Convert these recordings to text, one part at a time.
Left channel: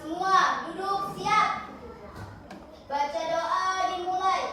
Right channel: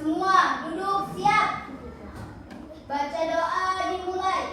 Semua duduk siap. Baca doa dimulai.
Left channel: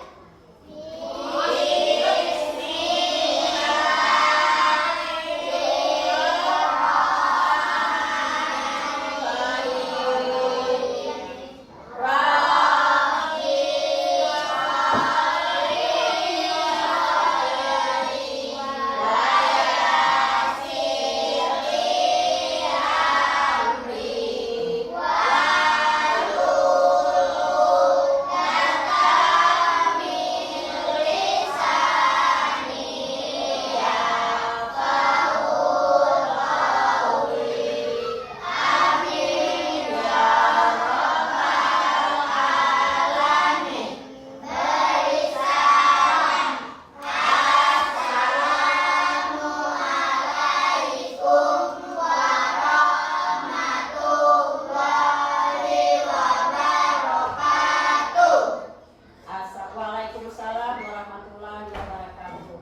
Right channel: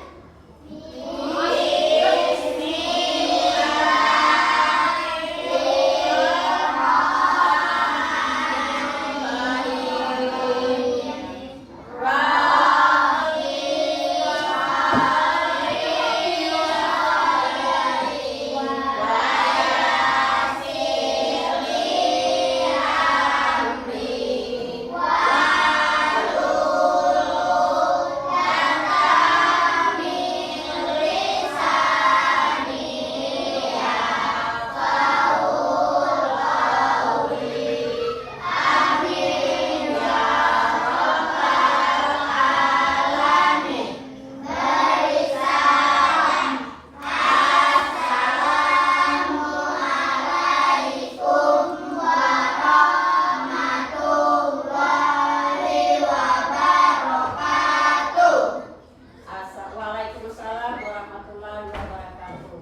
Waalaikumsalam warahmatullahi wabarakatuh.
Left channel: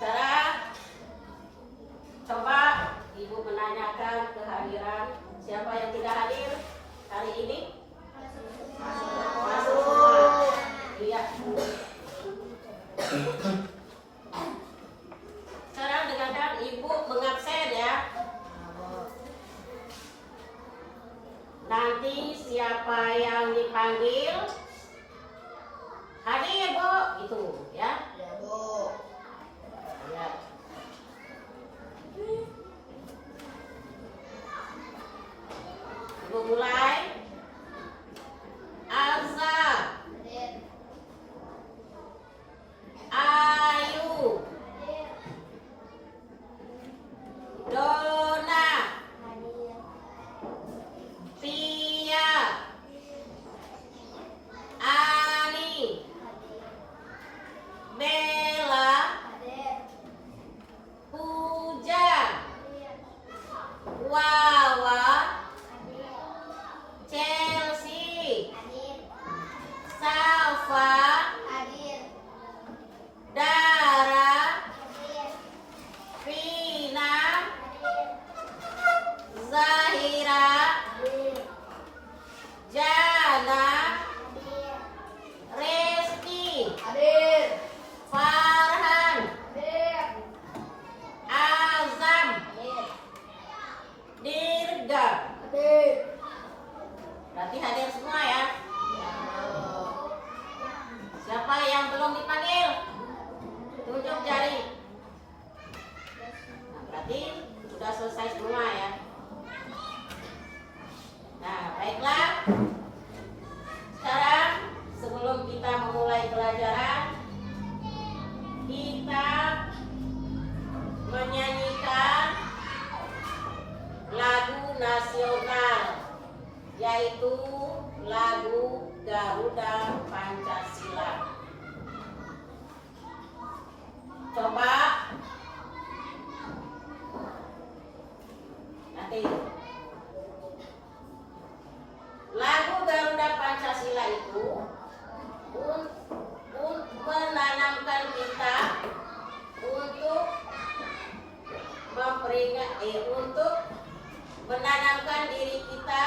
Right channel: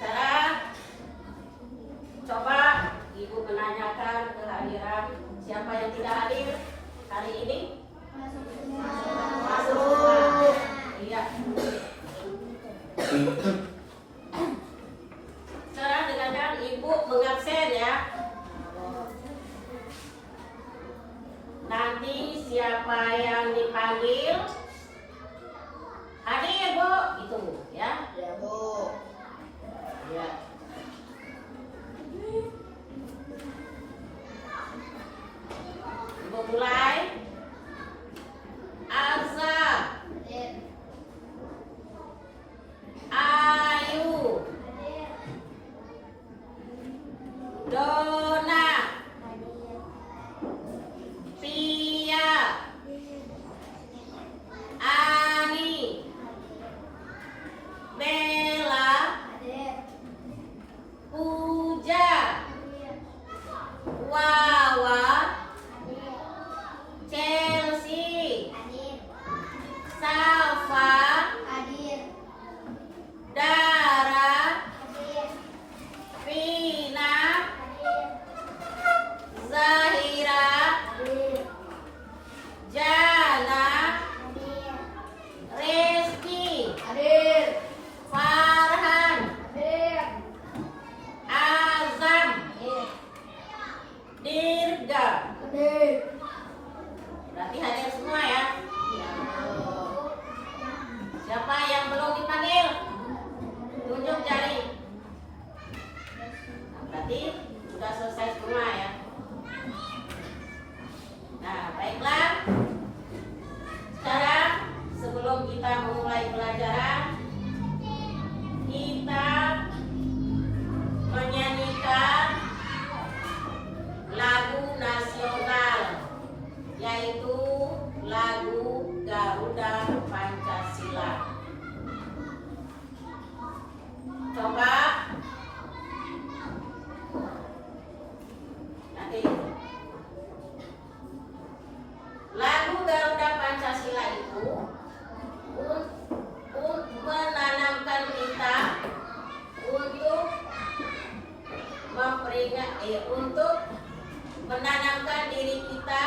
Sekarang coba Ibu menanyakan kehadiran siapa yang tidak hadir hari ini. Masuk. Iya. Sekarang dengarkan Ibu mengabsen ya. Nanti siapa yang dipanggil hadir Bu, gitu ya. Ya, Bu. Ya. Ibu mulai. Azza, Hadir. Ayu, Hadir. Dona, Hadir. Pia, Ani, Bella, Hadir. Puja, Hadir. Wawa, Hadir. Chelsea, Hadir. Safa, Hadir. Dara, Hadir. Vina, Hadir. Zahira, Hadir. Jana, Hadir. Reski, Hadir. Farhan, Hadir. Azam, Hadir. Dirga. Hadir. Berarti hadir semua ya. Siapa yang belum dipanggil? Tunjuk jari. Berarti sudah selesai semua ya. Nah, baiklah. Sekarang sebelum kita memulai pelajaran, kita menyanyikan lagu nasional, yaitu lagu Garuda Pancasila. Coba nanti lagu Garuda Pancasila itu menanamkan kita untuk untuk menanamkan diri kita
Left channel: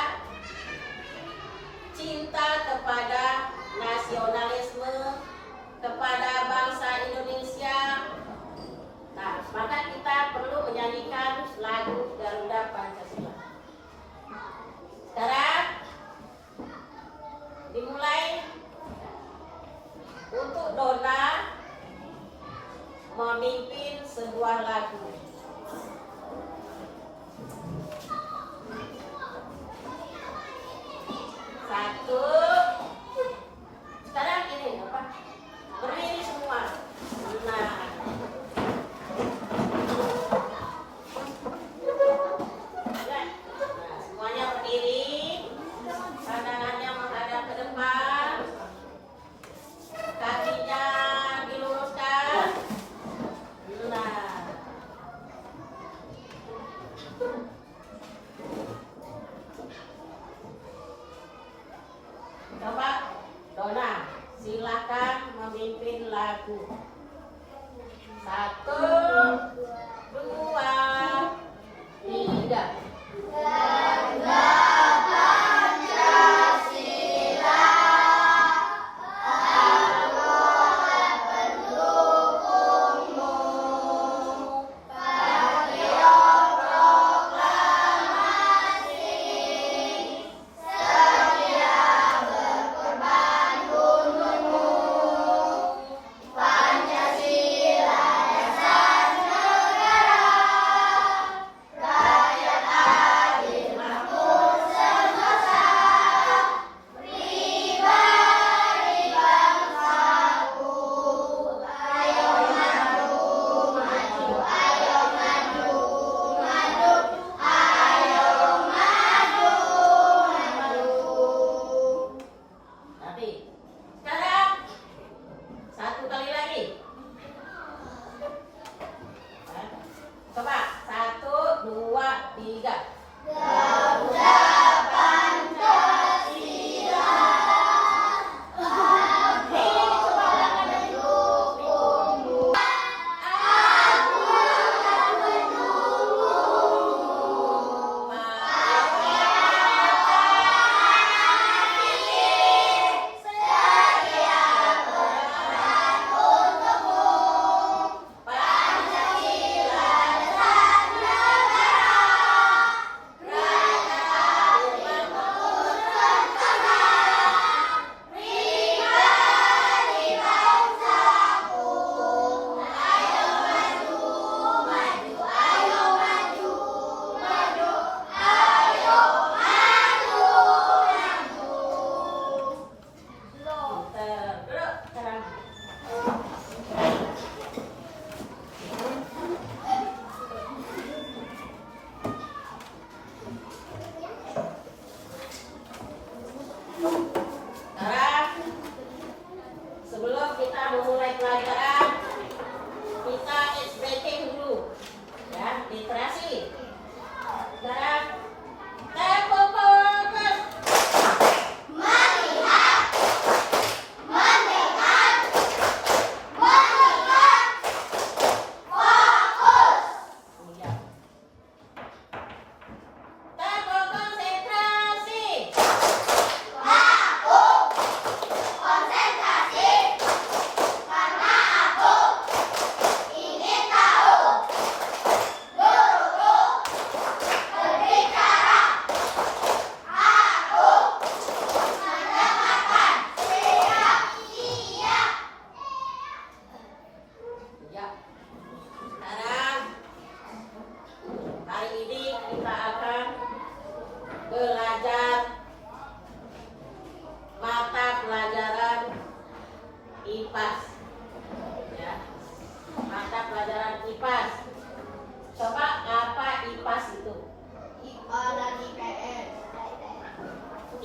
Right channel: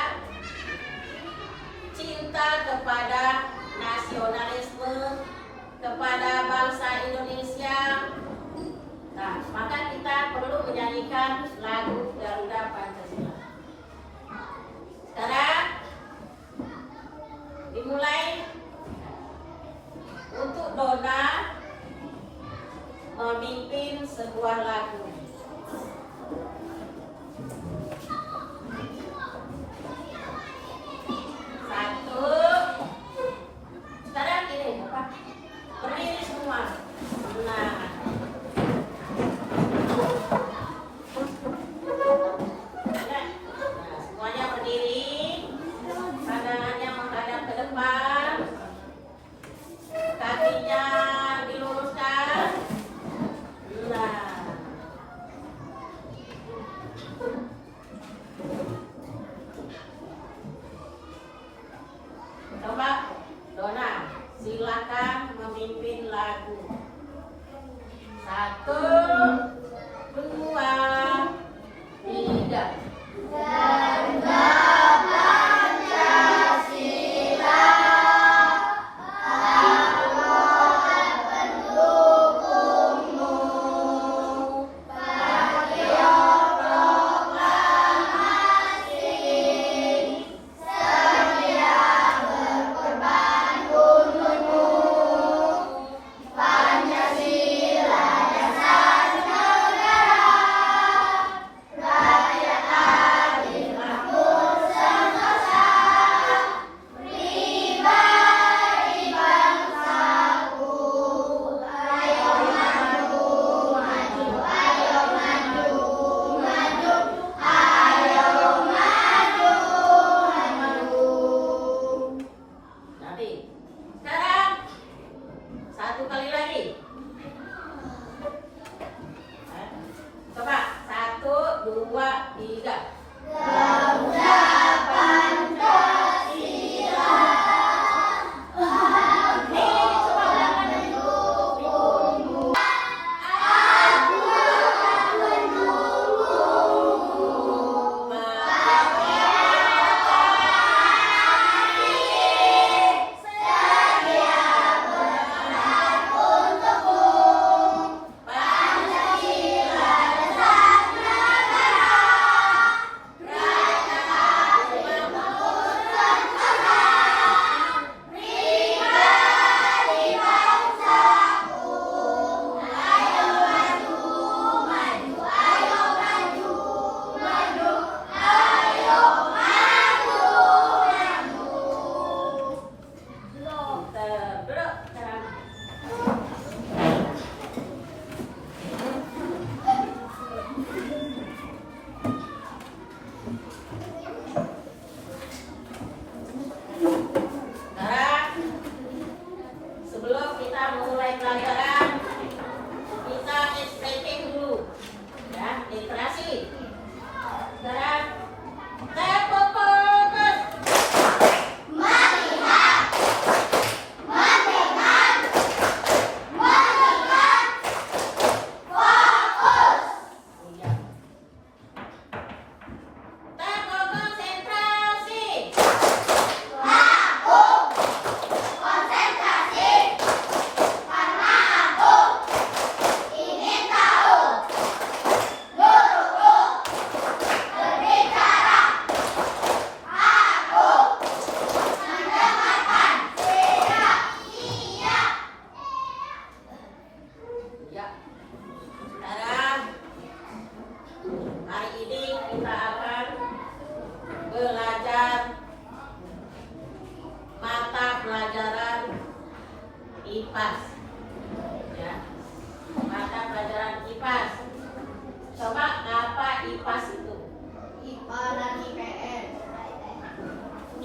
cinta kepada nasionalisme, kepada bangsa Indonesia. Nah, maka kita perlu menyanyikan lagu Garuda Pancasila. Sekarang dimulai. Untuk Dona memimpin sebuah lagu. Satu. Sekarang gini, apa? Berdiri semua. Nah. Ya. Semuanya berdiri. Badannya menghadap ke depan. Kakinya diluruskan. Nah.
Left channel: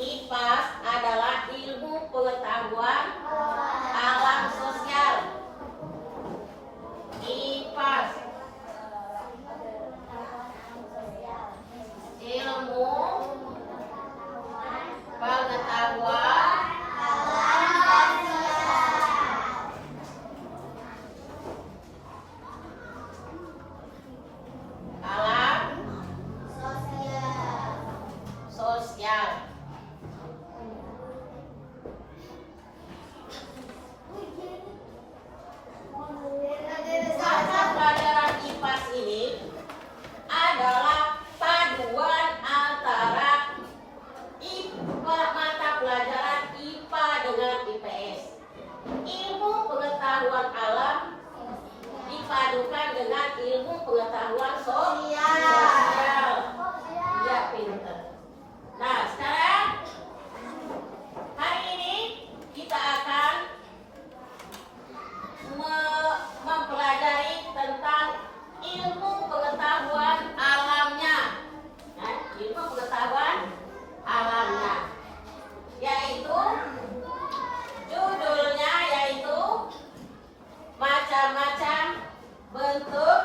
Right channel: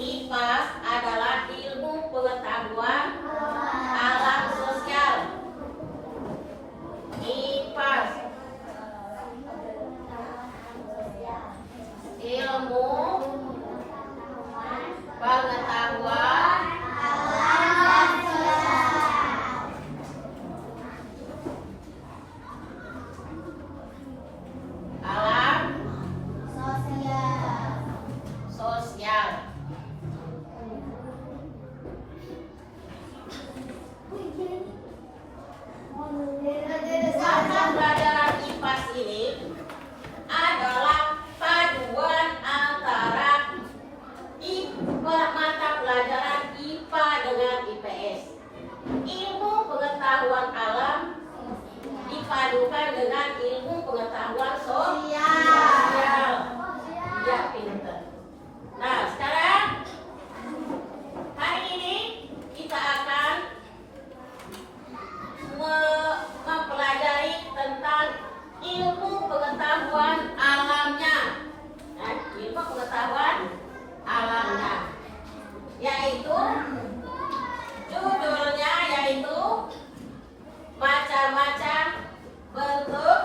IPAS adalah ilmu pengetahuan alam sosial. IPAS ilmu pengetahuan alam sosial. Mata pelajaran IPAS ini adalah paduan antara mata pelajaran IPA dengan IPS. Ilmu pengetahuan alam dipadukan dengan ilmu pengetahuan sosial. Ya, pinter. Nah, sekarang hari ini kita akan mempelajari tentang ilmu pengetahuan alamnya. Nah, ilmu pengetahuan alamnya, yaitu judulnya yaitu macam-macam bentuk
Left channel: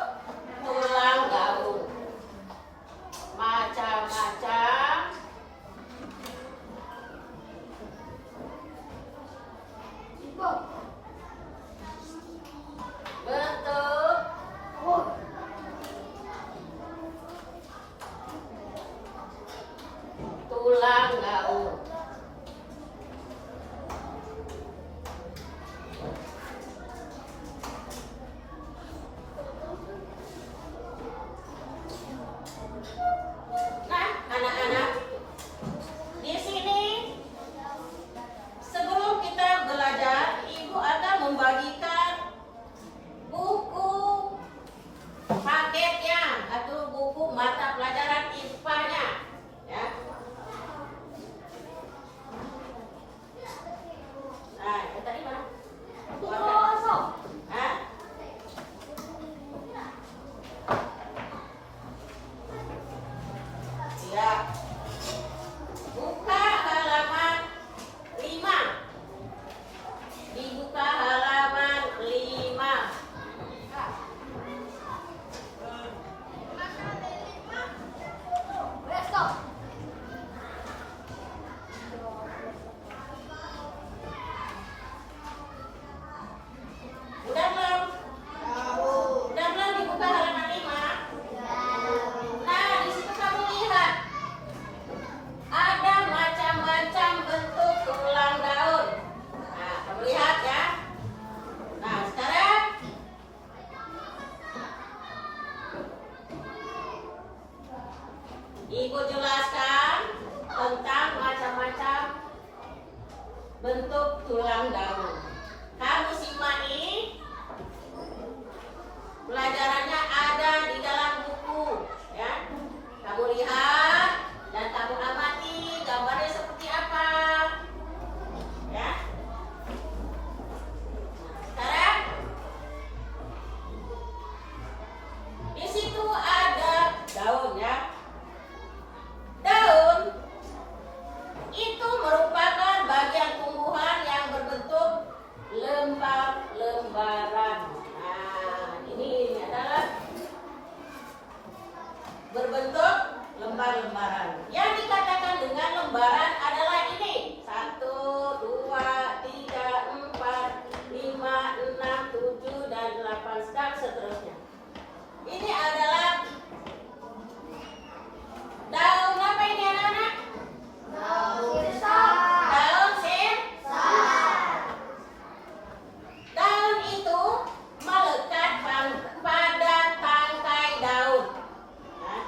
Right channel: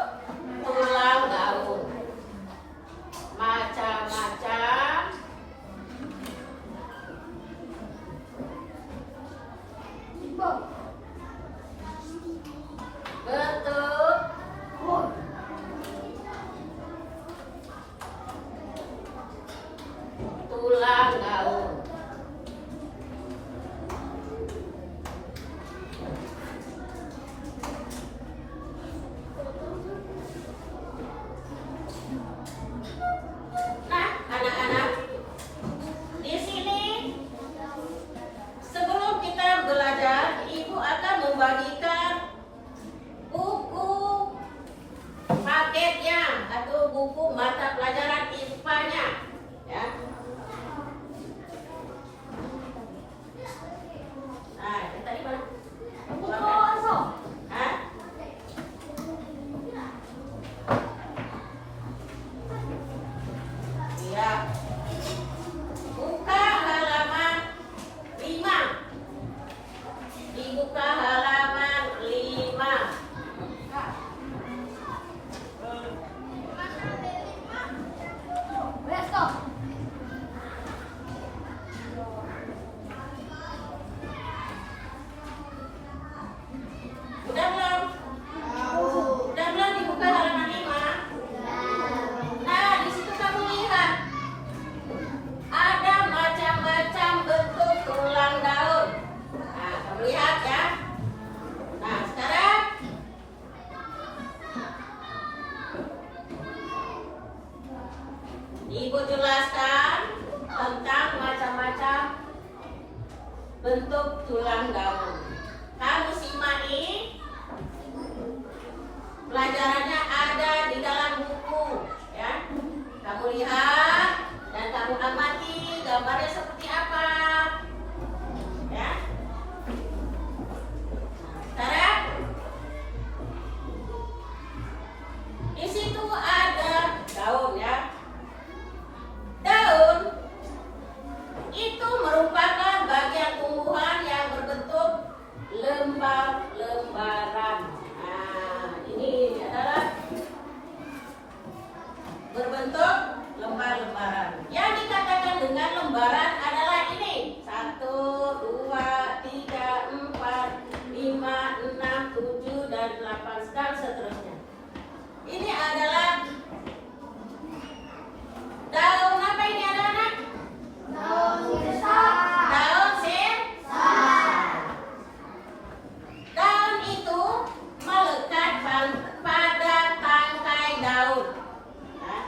tulang gaul. Macam-macam bentuk tulang gaul. Nah, anak-anak, di sini sebelum kita belajar, Ibu akan membagikan buku paketnya atau buku mata pelajaran IPA-nya, ya. Nah, yang tadi mana? Hah? Ya. Buka halaman 5. Dibuka halaman 5. Let's go. Udah belum? Udah belum dibuka halaman 5? Nah, di situ kamu lihat ada macam-macam bentuk tulang daun. Nah, kamu lihat ya. Nah, sekarang Ibu jelaskan tentang macam-macam bentuk tulang daun. Kamu simak ini. Pelajarannya ada di dalam buku, ya. Kamu lihat dan kamu amati gambarnya seperti apa, ya. Sekarang di situ ada daun, ya. Daun itu merupakan bagian tumbuhan yang berbentuk lembar-lembaran. Nah, ini adalah berbentuk lembar-lembaran. Yang dikatakan dengan lembaran adalah ini: 1, 2, 3, 4, 5, 6, 7, dan 8 seterusnya. Ini adalah daun apa ini, anak-anak? Daun sirsak. Daun itu melekat pada tangkai daun. Nah,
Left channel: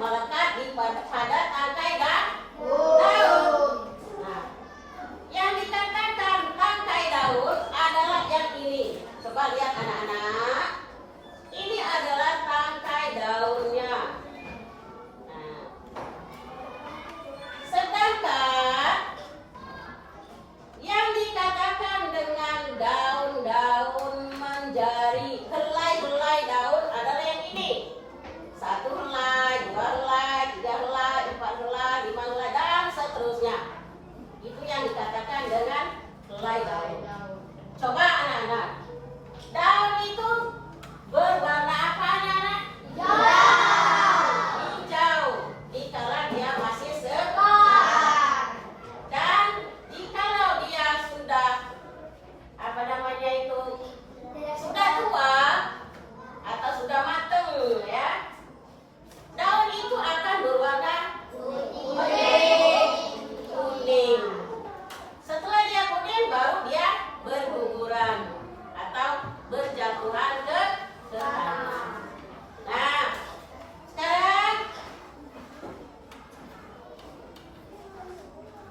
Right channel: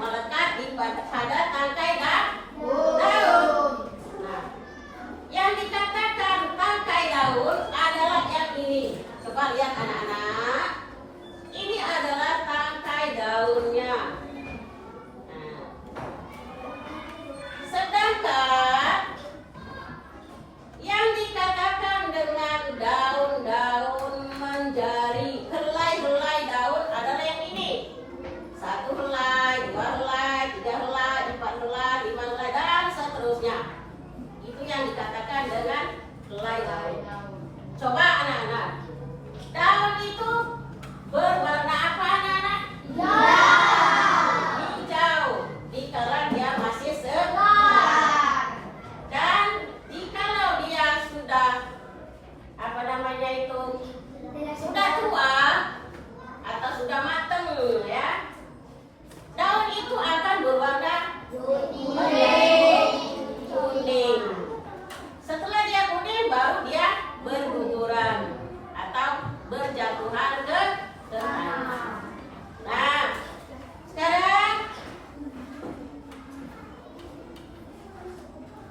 melekat pada tangkai daun. Nah, yang dikatakan tangkai daun adalah yang ini. Coba lihat anak-anak. Ini adalah tangkai daunnya. Nah, daunnya. Itu yang dikatakan dengan helai daun. Coba anak-anak, daun itu berwarna apa anak-anak? Hijau. Dikala dia masih segar. Dan kalau dia sudah apa namanya itu sudah tua atau sudah matang ya, daun itu akan berwarna kuning. Setelah dia kuning baru dia berguguran atau berjatuhan ke tanah. Nah, sekarang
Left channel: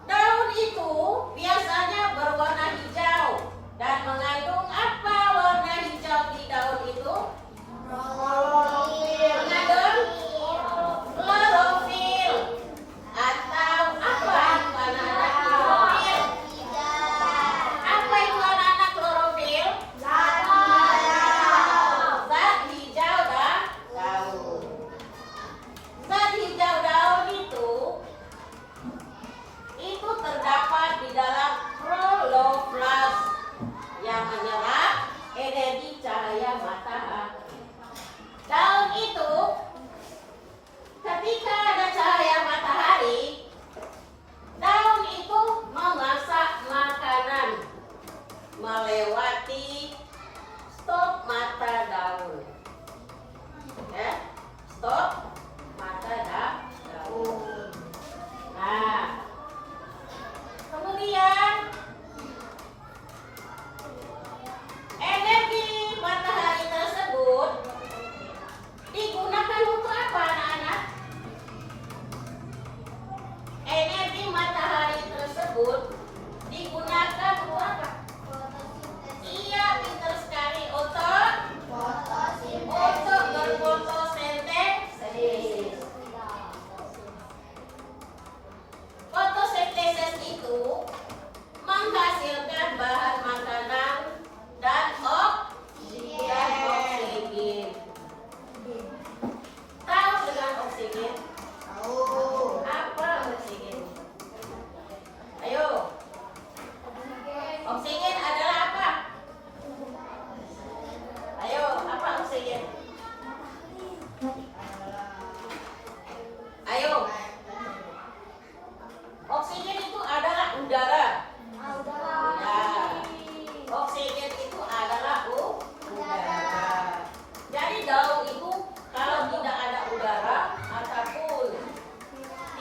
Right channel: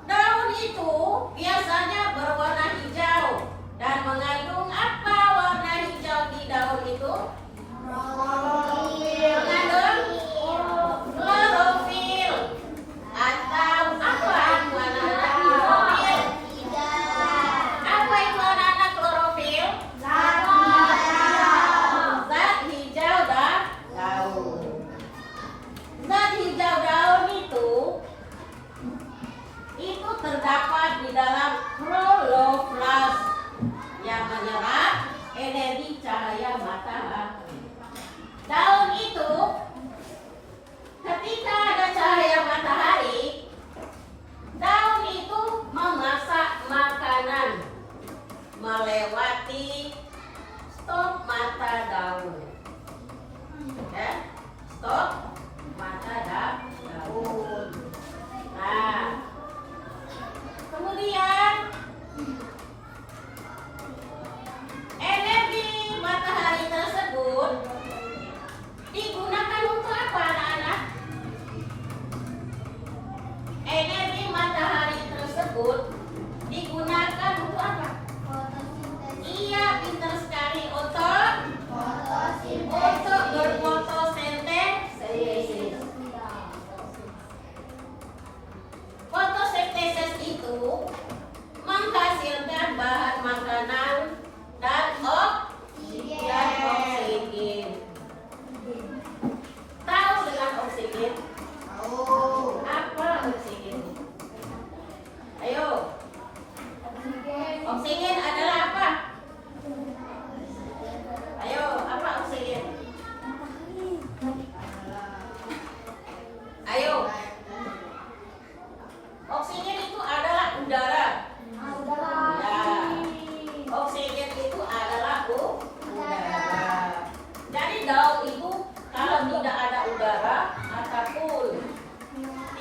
daun itu biasanya berwarna hijau dan mengandung apa warna hijau di daun itu? Mengandung klorofil. Atau apa itu anak-anak klorofil? Apa itu anak-anak klorofil? Zat hijau daun. Zat hijau daun itu terdapat di dalam kloroflas yang menyerap energi cahaya matahari. Daun itu ketika ada cahaya matahari, daun itu memasak makanan melewati stop mata daun. Stop mata daun. Nah, kemudian energi matahari tersebut digunakan untuk apa anak-anak? Energi matahari tersebut digunakan untuk apa? Iya, pintar sekali, untuk berfotosintesis. Fotosintesis itu menghasilkan bahan makanan dan oksigen. Tahu dengan oksigen? Apa oksigen? Ayo. Oksigen adalah apa? Ayo, apa oksigen? Ayo. Oksigen itu adalah udara. Ya. Oksigen itu adalah udara. Jadi daun itu kalau tidak ada udara ataupun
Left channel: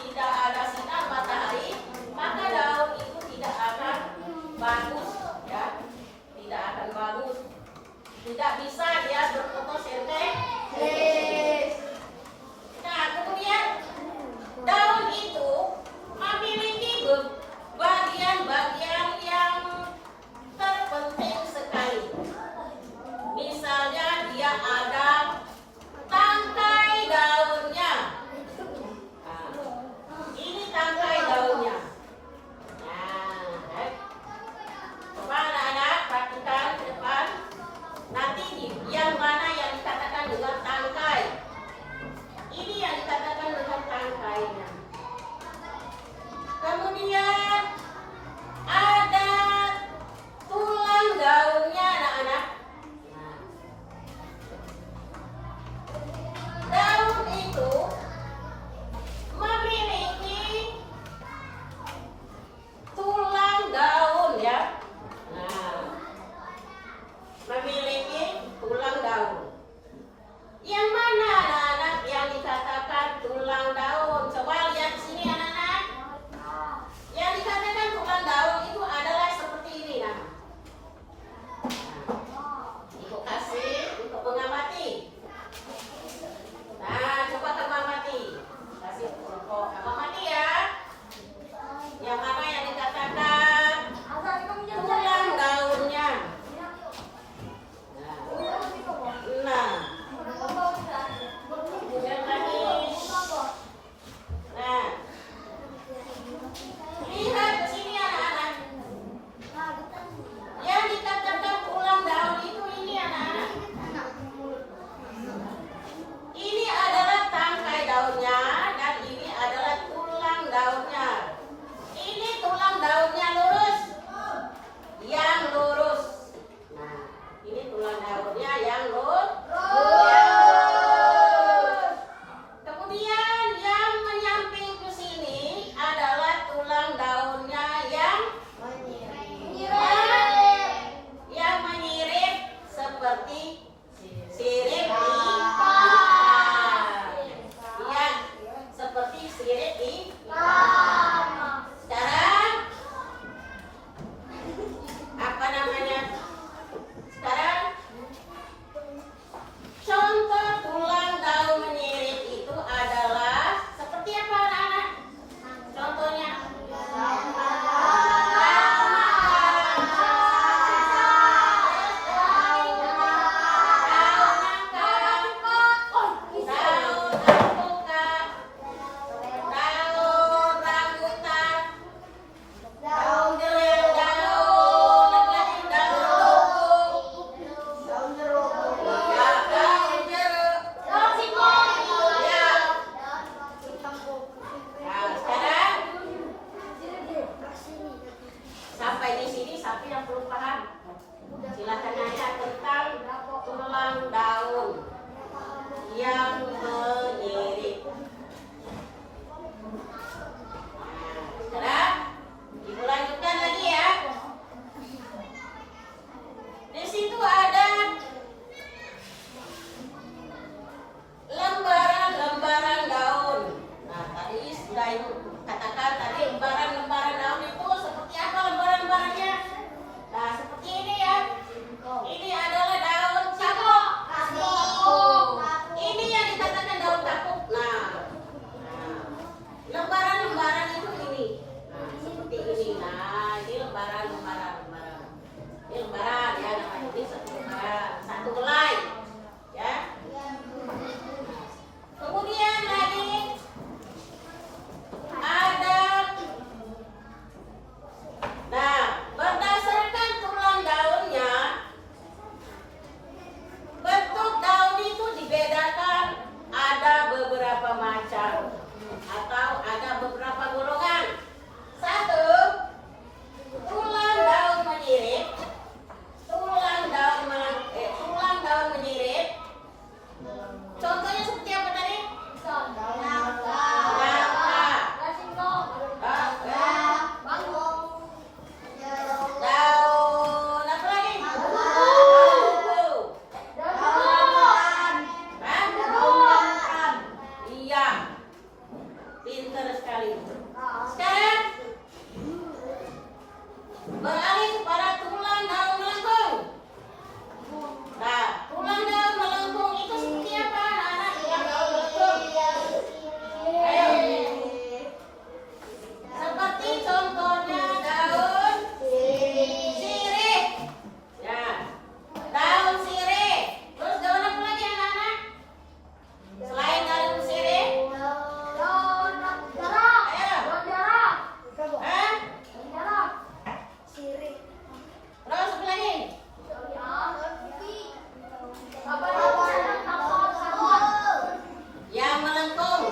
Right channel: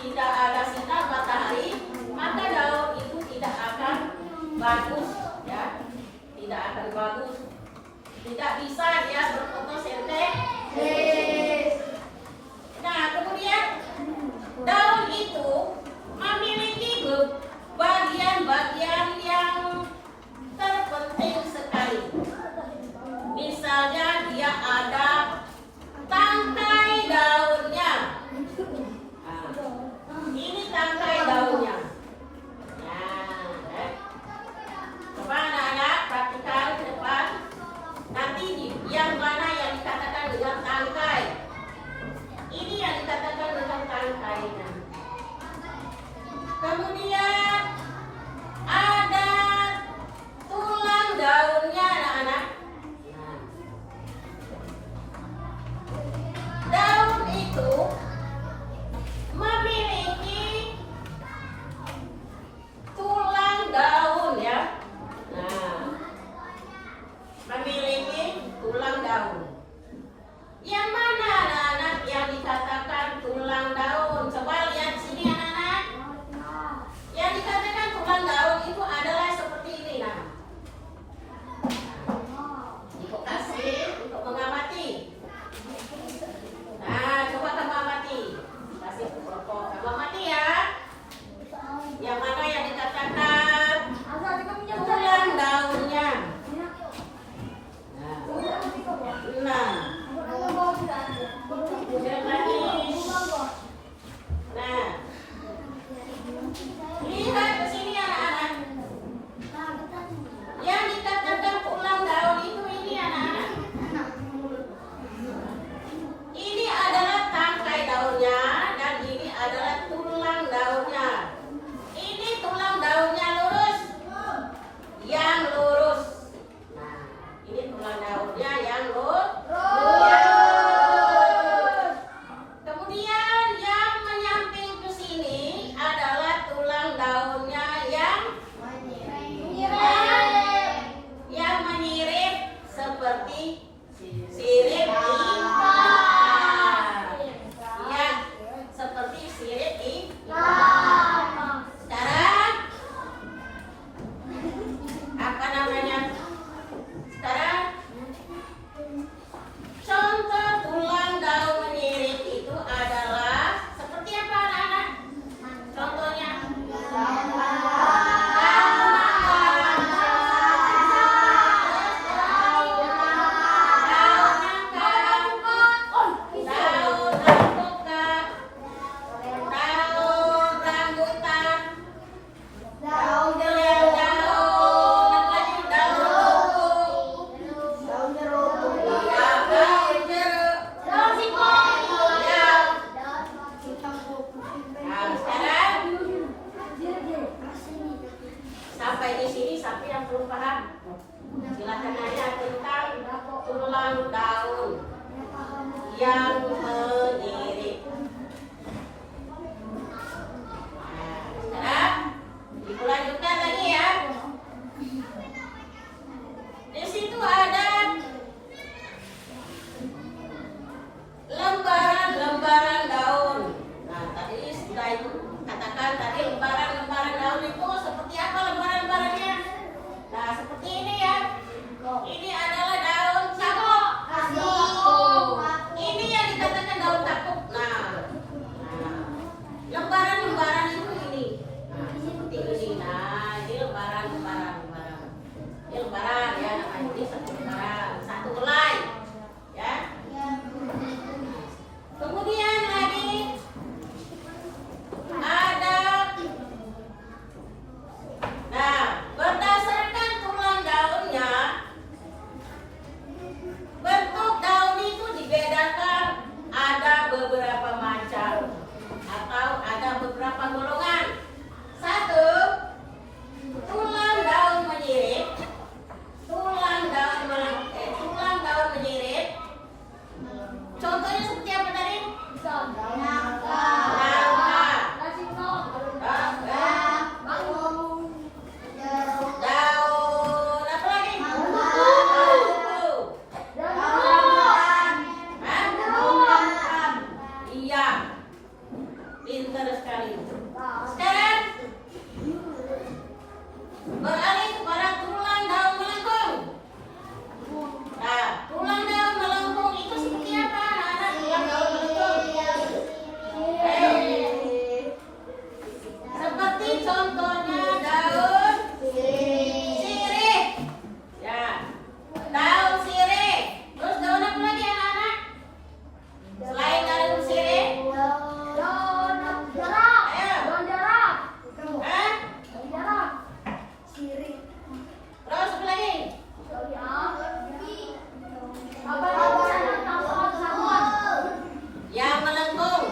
tidak ada sinar matahari, maka daun itu tidak akan bagus, ya. Tidak akan bagus. Tidak bisa dia berfotosintesis. Nah, kemudian daun itu memiliki bagian-bagian yang terpenting sekali. Misalnya dia ada tangkai daunnya. Nah, ini tangkai daunnya. Nah, coba anak-anak perhatikan ke depan. Nanti yang mana yang dikatakan dengan tangkai? Ini yang dikatakan dengan tangkainya. Kemudian sampai di sini siapa yang belum paham? Silakan nanya tentang tulang daun yang menyirik. Nah, sekarang dilanjutkan lagi ya. Di situ ada lembaran-lembaran daun. Nah, tadi sudah ibu katakan tadi lembaran-lembaran daun itu seperti apa lembaran-lembarannya? Nah, seperti ini ya. Ini adalah daun kapuk. Ini yang dikatakan daun kapuk. Nah, lembaran-lembaran itu ini. Nah, seperti ini. Nah, ini lembaran-lembaran. Ini lembaran ya, namanya ini satu lembaran, satu helai. Ya. Kemudian lagi ada, nah, berdasarkan tulang daunnya, bentuk daun itu dibedakan ada beberapa macam atau ada beberapa golongan. Satu, tulang daun menyirik. Tulang daun menyirik. Contohnya seperti apa tadi? Nangka. Daun apa lagi? Iya, pintar sekali. Sekarang beralih kepada tulang daun melengkung. Nah, tulang daun melengkung itu seperti apa anak-anak? Tulang daun melengkung. Seperti contohnya daun sirih. Ya, daun sirih. Terus daun apa lagi anak-anak? Selain daun sirih? Daun jeruk. Ayo. Daun jeruk. Hah? Daun jeruk. Sirih. Terus apa lagi? Apa itu? Sabun. Yang melengkung.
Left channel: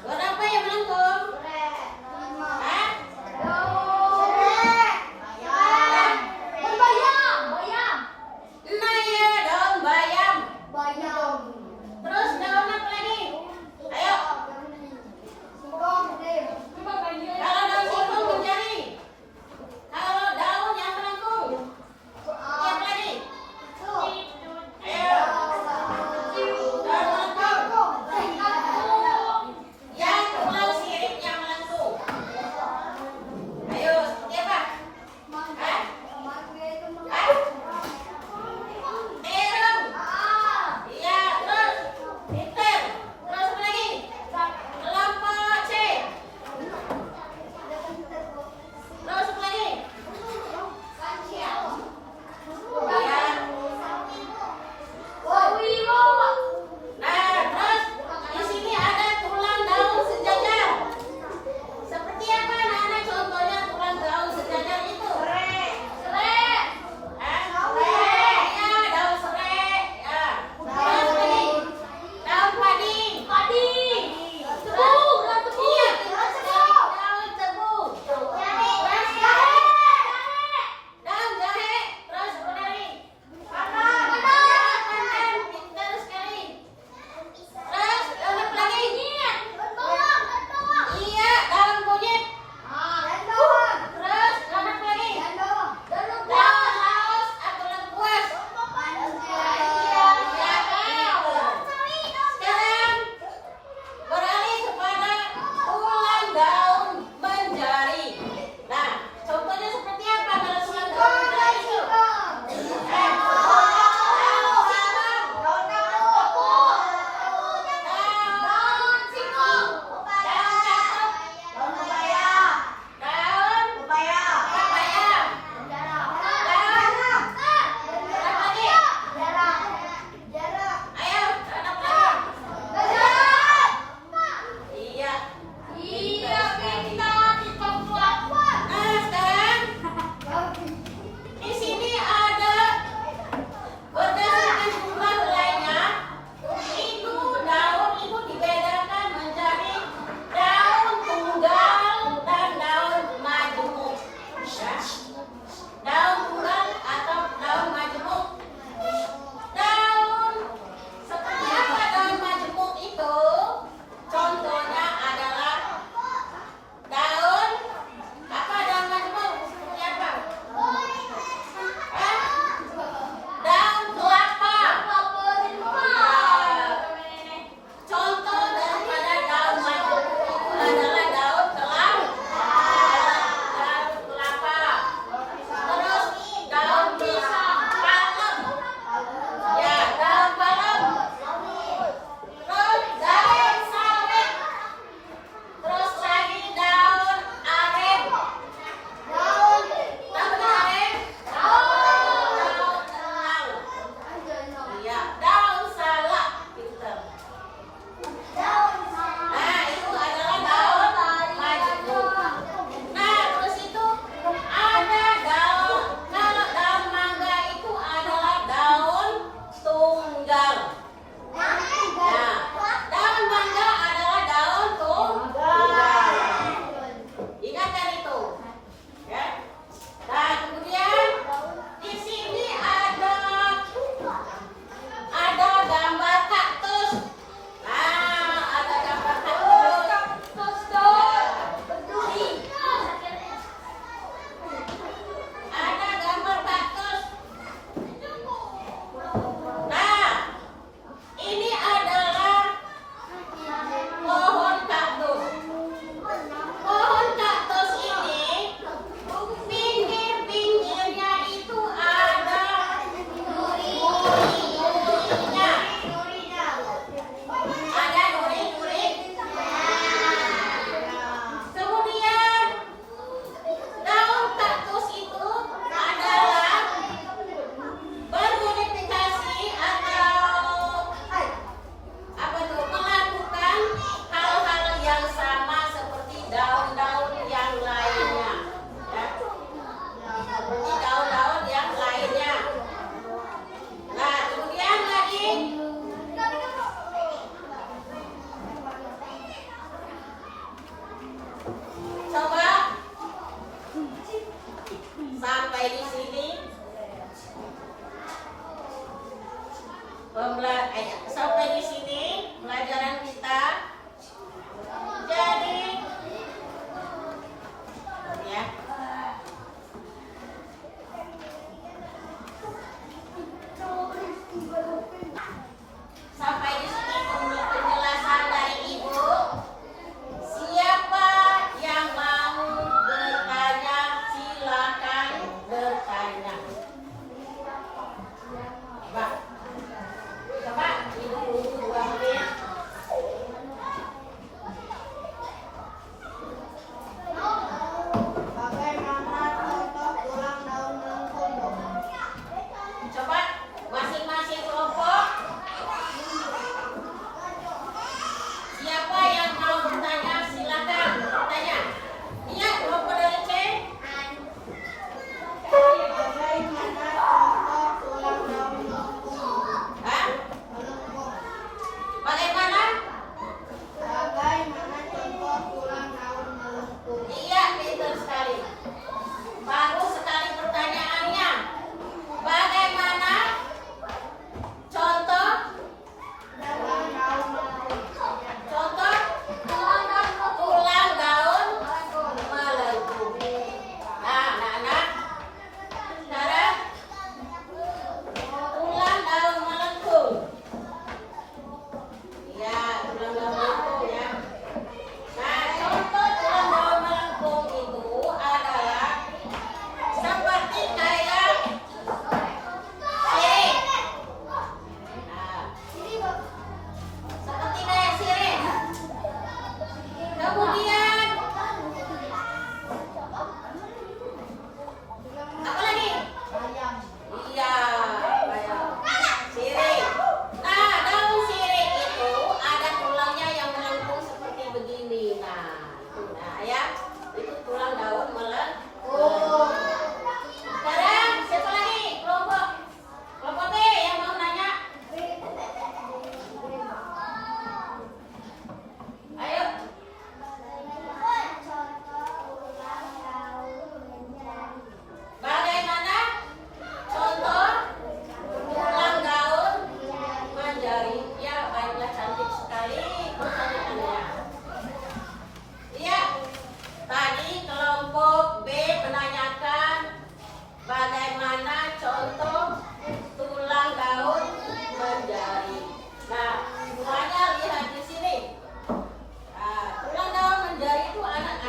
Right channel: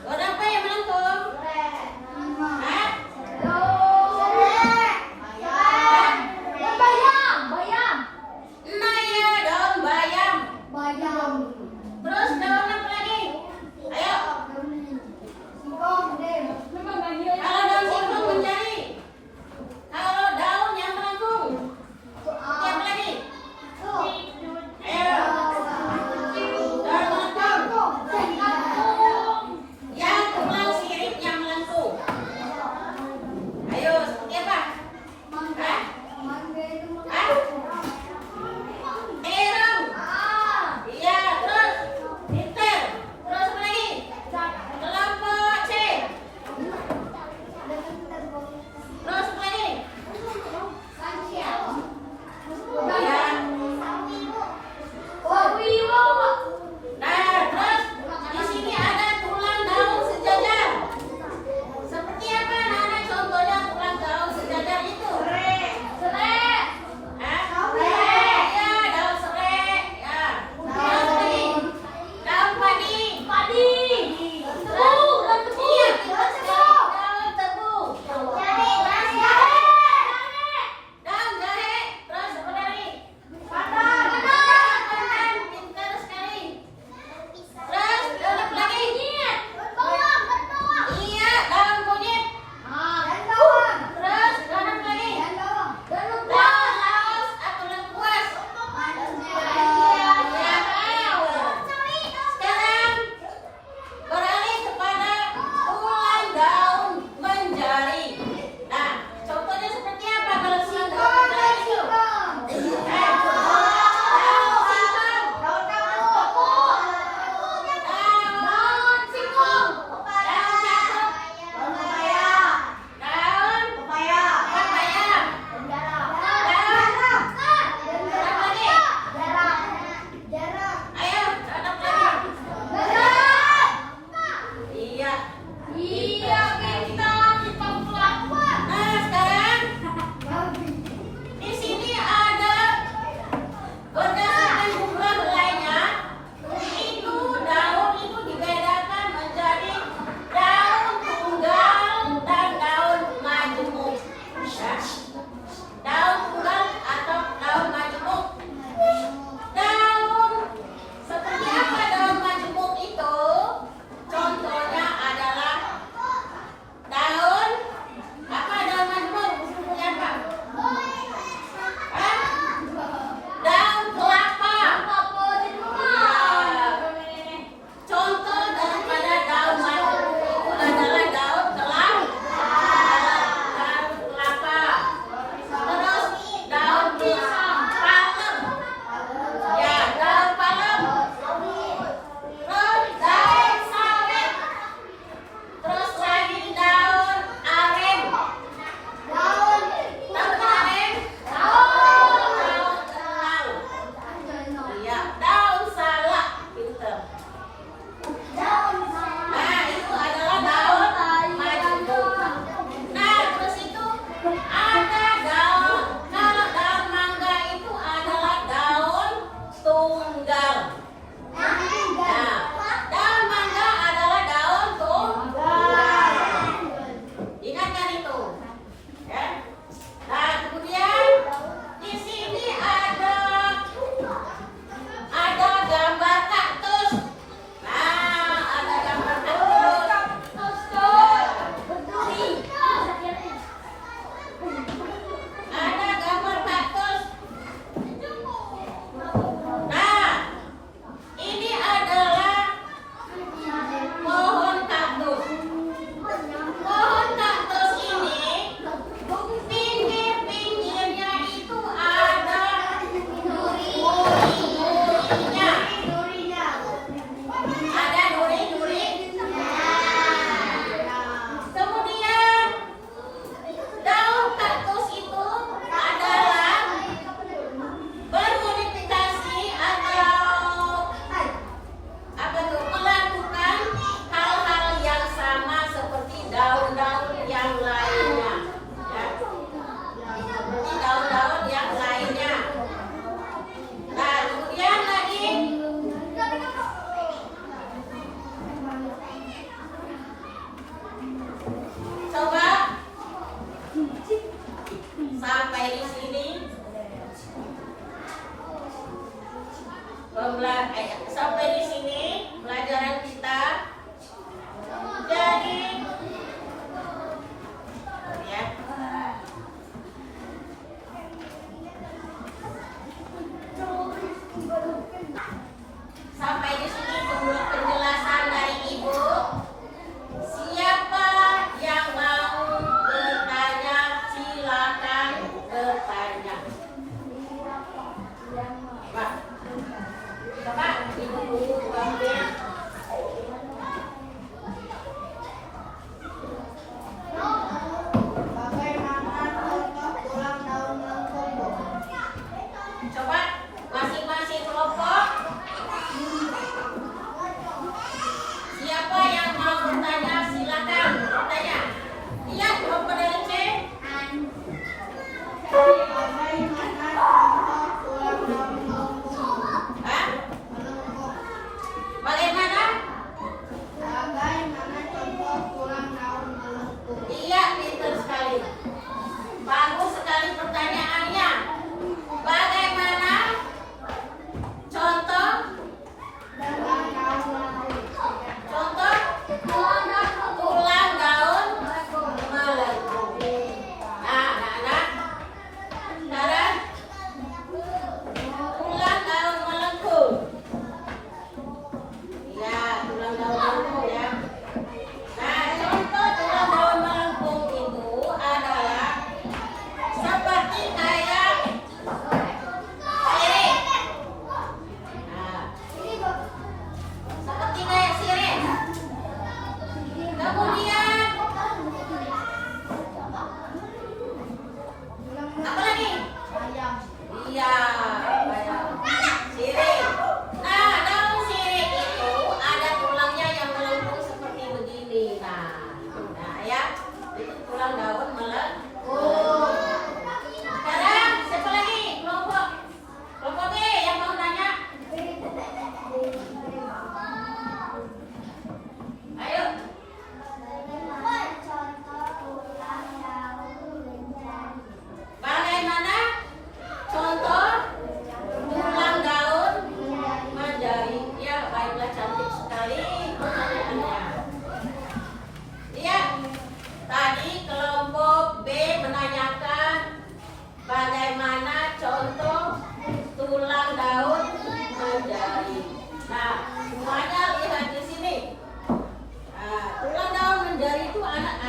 Daun apa yang melengkung? Hah? Daun bayam. Bayam. Nah ya, daun bayam. Bayam. Terus daun apa lagi? Ayo. Singkong gede. Kalau daun singkong mencari. Kalau daun yang melengkung. Yang lagi? Ayo. Daun melengkung. Yang tulang sirip yang melengkung. Ayo, seperti apa? Hah? Hah? Terung. Iya, terus pinter. Terus apa lagi? Kelapa C. Terus apa lagi? Iya. Nah, terus di sini ada tulang daun sejajar. Seperti apa anak-anak contohnya tulang daun sejajar itu? Serai. Hah? Ya, daun serai. Ya. Terus lagi? Daun padi. Tebu. Iya, betul sekali. Daun tebu. Daun jahe. Terus apa lagi? Patan. Pintar sekali. Terus daun apa lagi? Iya, daun kunyit. Terus daun apa lagi? Daun saus atau lengkuas. Sekarang beralih kepada tulang daun menjari. Nah, contohnya seperti apa kalau tulang daun menjari itu? Di sini ada berdasarkan jumlah helainya, itu daun itu dibedakan menjadi daun tunggal dan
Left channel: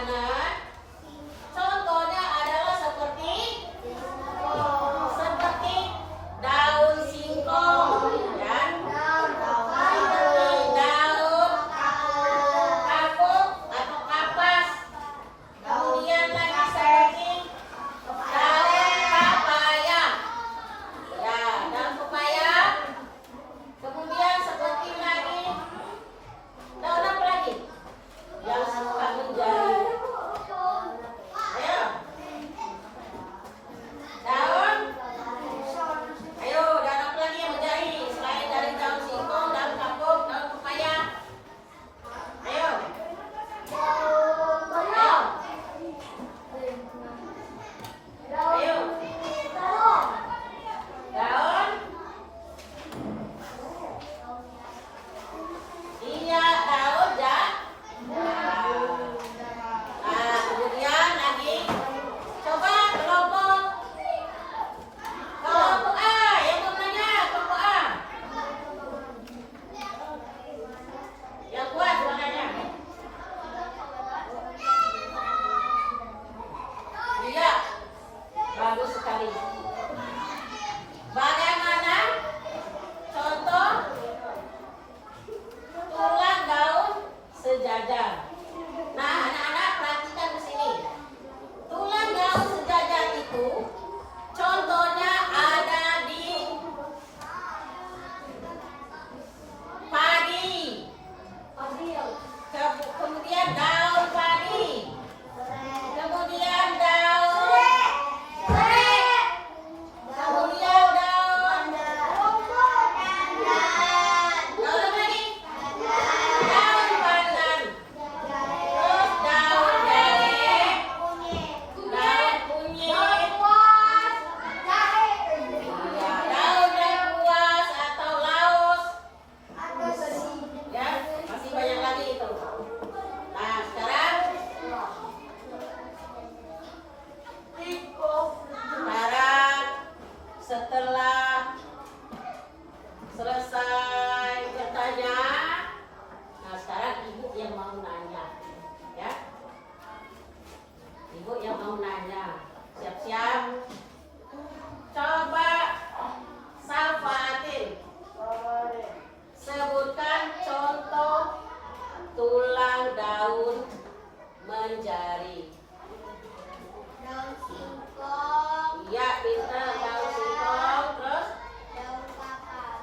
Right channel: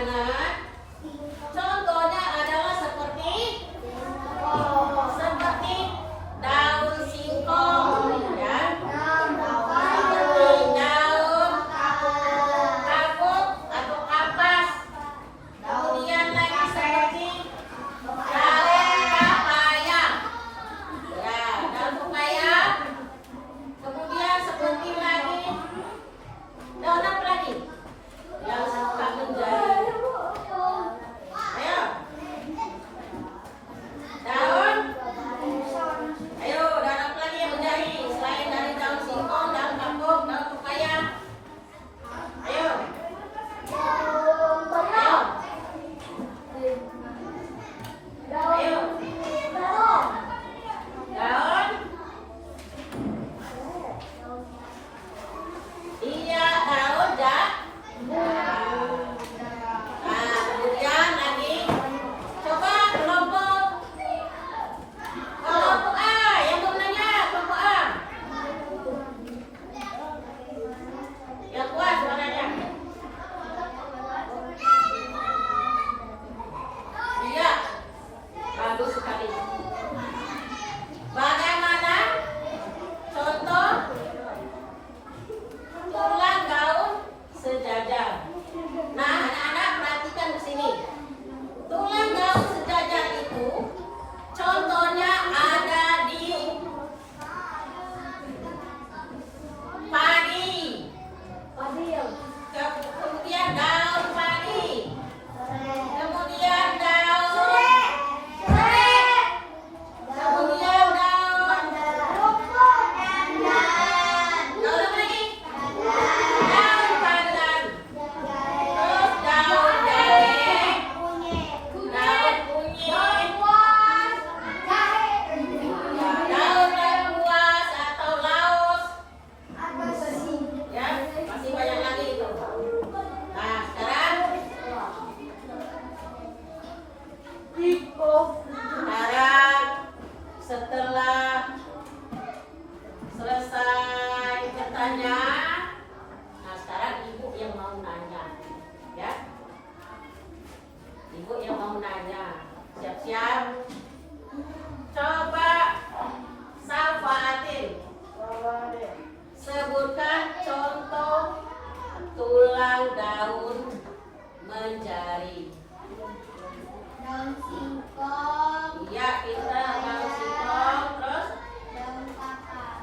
mana? Contohnya adalah seperti daun singkong, ya. Seperti daun kapuk atau kapas. Kemudian lagi seperti daun papaya. Ya, daun papaya. Kemudian seperti lagi daun apa lagi? Yang suka menjadi. Ayo. Daun. Ayo, daun apa lagi yang menjadi? Selain dari daun singkong, daun kapuk, daun papaya. Ayo. Ayo. Ayo. Daun. Iya, daun Nah, kemudian lagi coba kelompok A, yang mau nanya kelompok A. Yang kuat suaranya. Iya, bagus sekali. Bagaimana contoh tulang daun sejajar? Nah, anak-anak perhatikan di sini. Tulang daun sejajar itu contohnya ada di padi. Kemudian daun padi. Kemudian daun serai. Kemudian daun apa lagi? Daun pandan. Terus daun jahe, daun kunyit, daun lengkuas atau laos. Ya, masih banyak lagi itu. Nah, sekarang setelah selesai bertanya, nah sekarang ibu yang mau nanya, ya. Ibu yang mau nanya, siap-siap. Coba Safatin, sebutkan contoh tulang daun menjari. Daun singkong, Iya, kita daun singkong, terus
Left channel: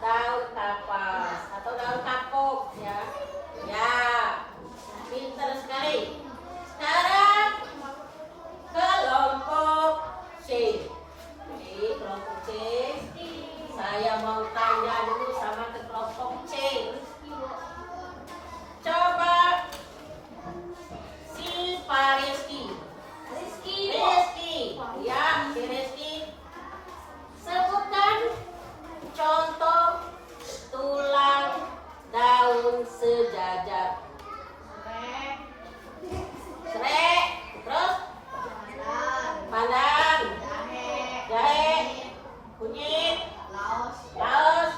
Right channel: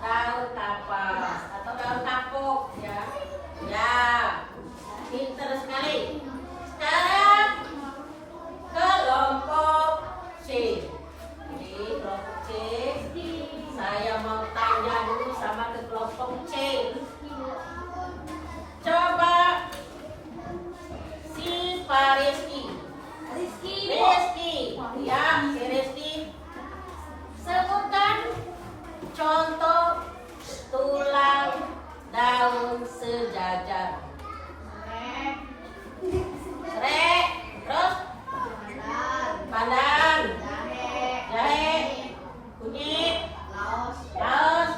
daun kapas atau daun kapuk, ya. Ya, pintar sekali. Sekarang kelompok C. Jadi kelompok C, saya mau tanya dulu sama ke kelompok C. Coba si Rizky. Ya, si Rizky. Sebutkan contoh tulang daun sejajar. Serai, terus pandan, jahe, kunyit, laos.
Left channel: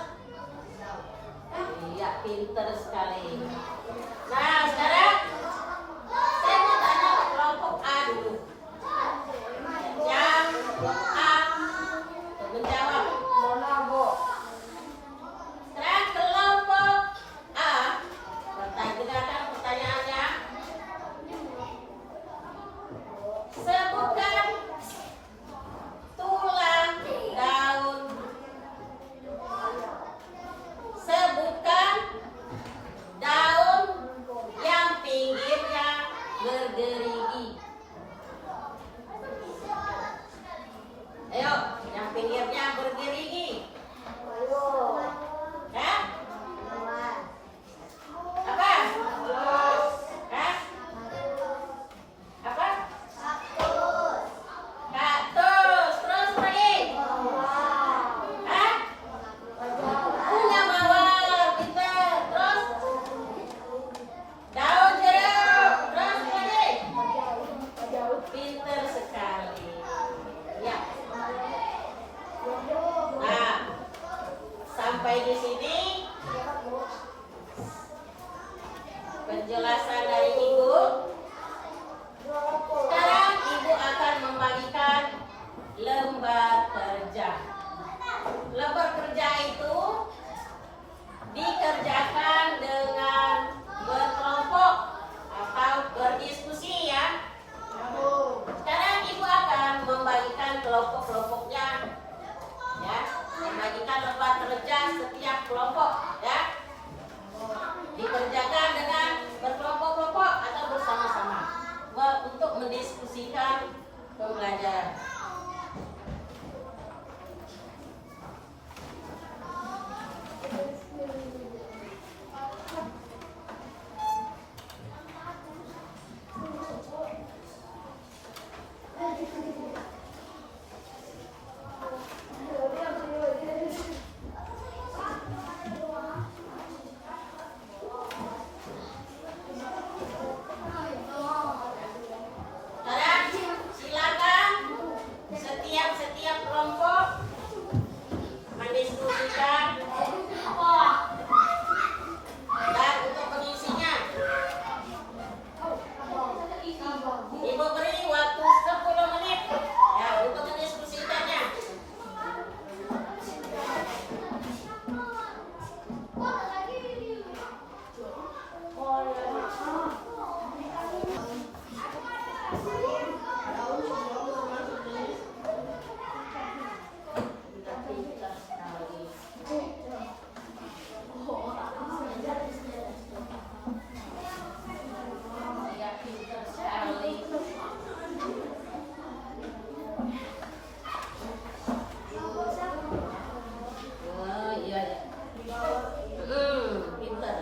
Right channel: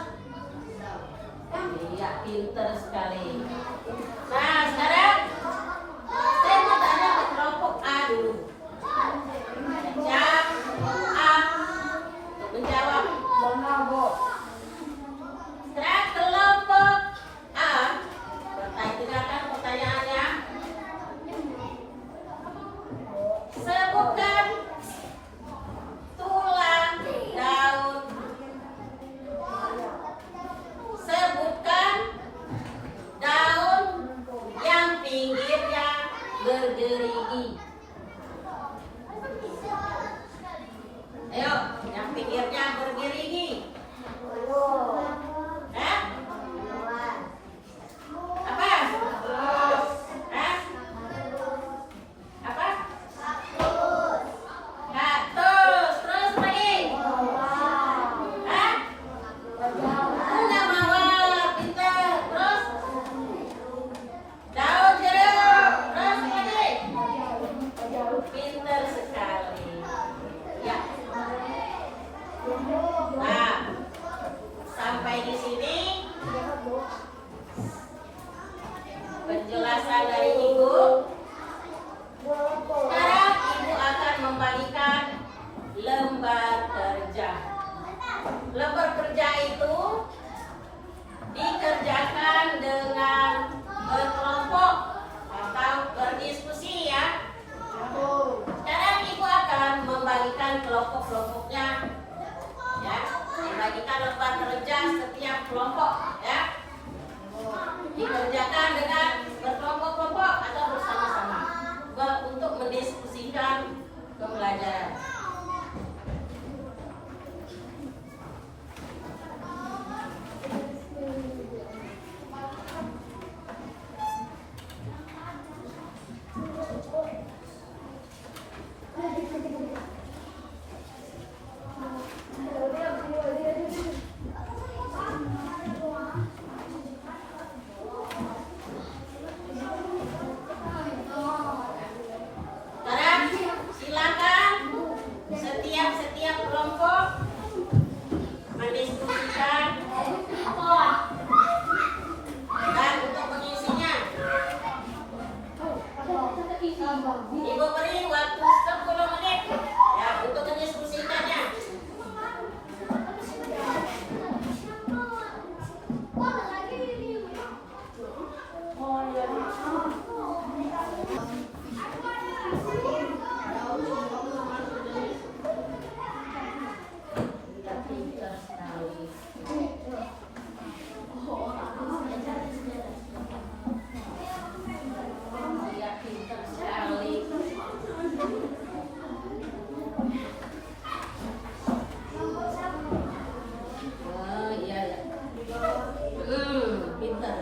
Iya, pinter sekali. Nah, sekarang saya mau tanya ke kelompok A dulu. Yang A menjawab. Sekarang kelompok A, dengarkan pertanyaannya. Sebutkan tulang daun. Sebutkan daun yang pinggirnya bergerigi. Ayo, yang pinggirnya bergerigi. Hah? Apa? Hah? Apa? Kaktus. Terus lagi? Hah? Bunga mawar. Pintar. Terus? Daun jeruk. Terus lagi? Pintar sekali. Ya. belajar. Sekarang silakan setiap kelompok mendiskusikan dan untuk mengisinya. Ibu beri waktu 10 menit ya untuk mendiskusikannya. Dia pintar sekali. Oh iya. Pintar.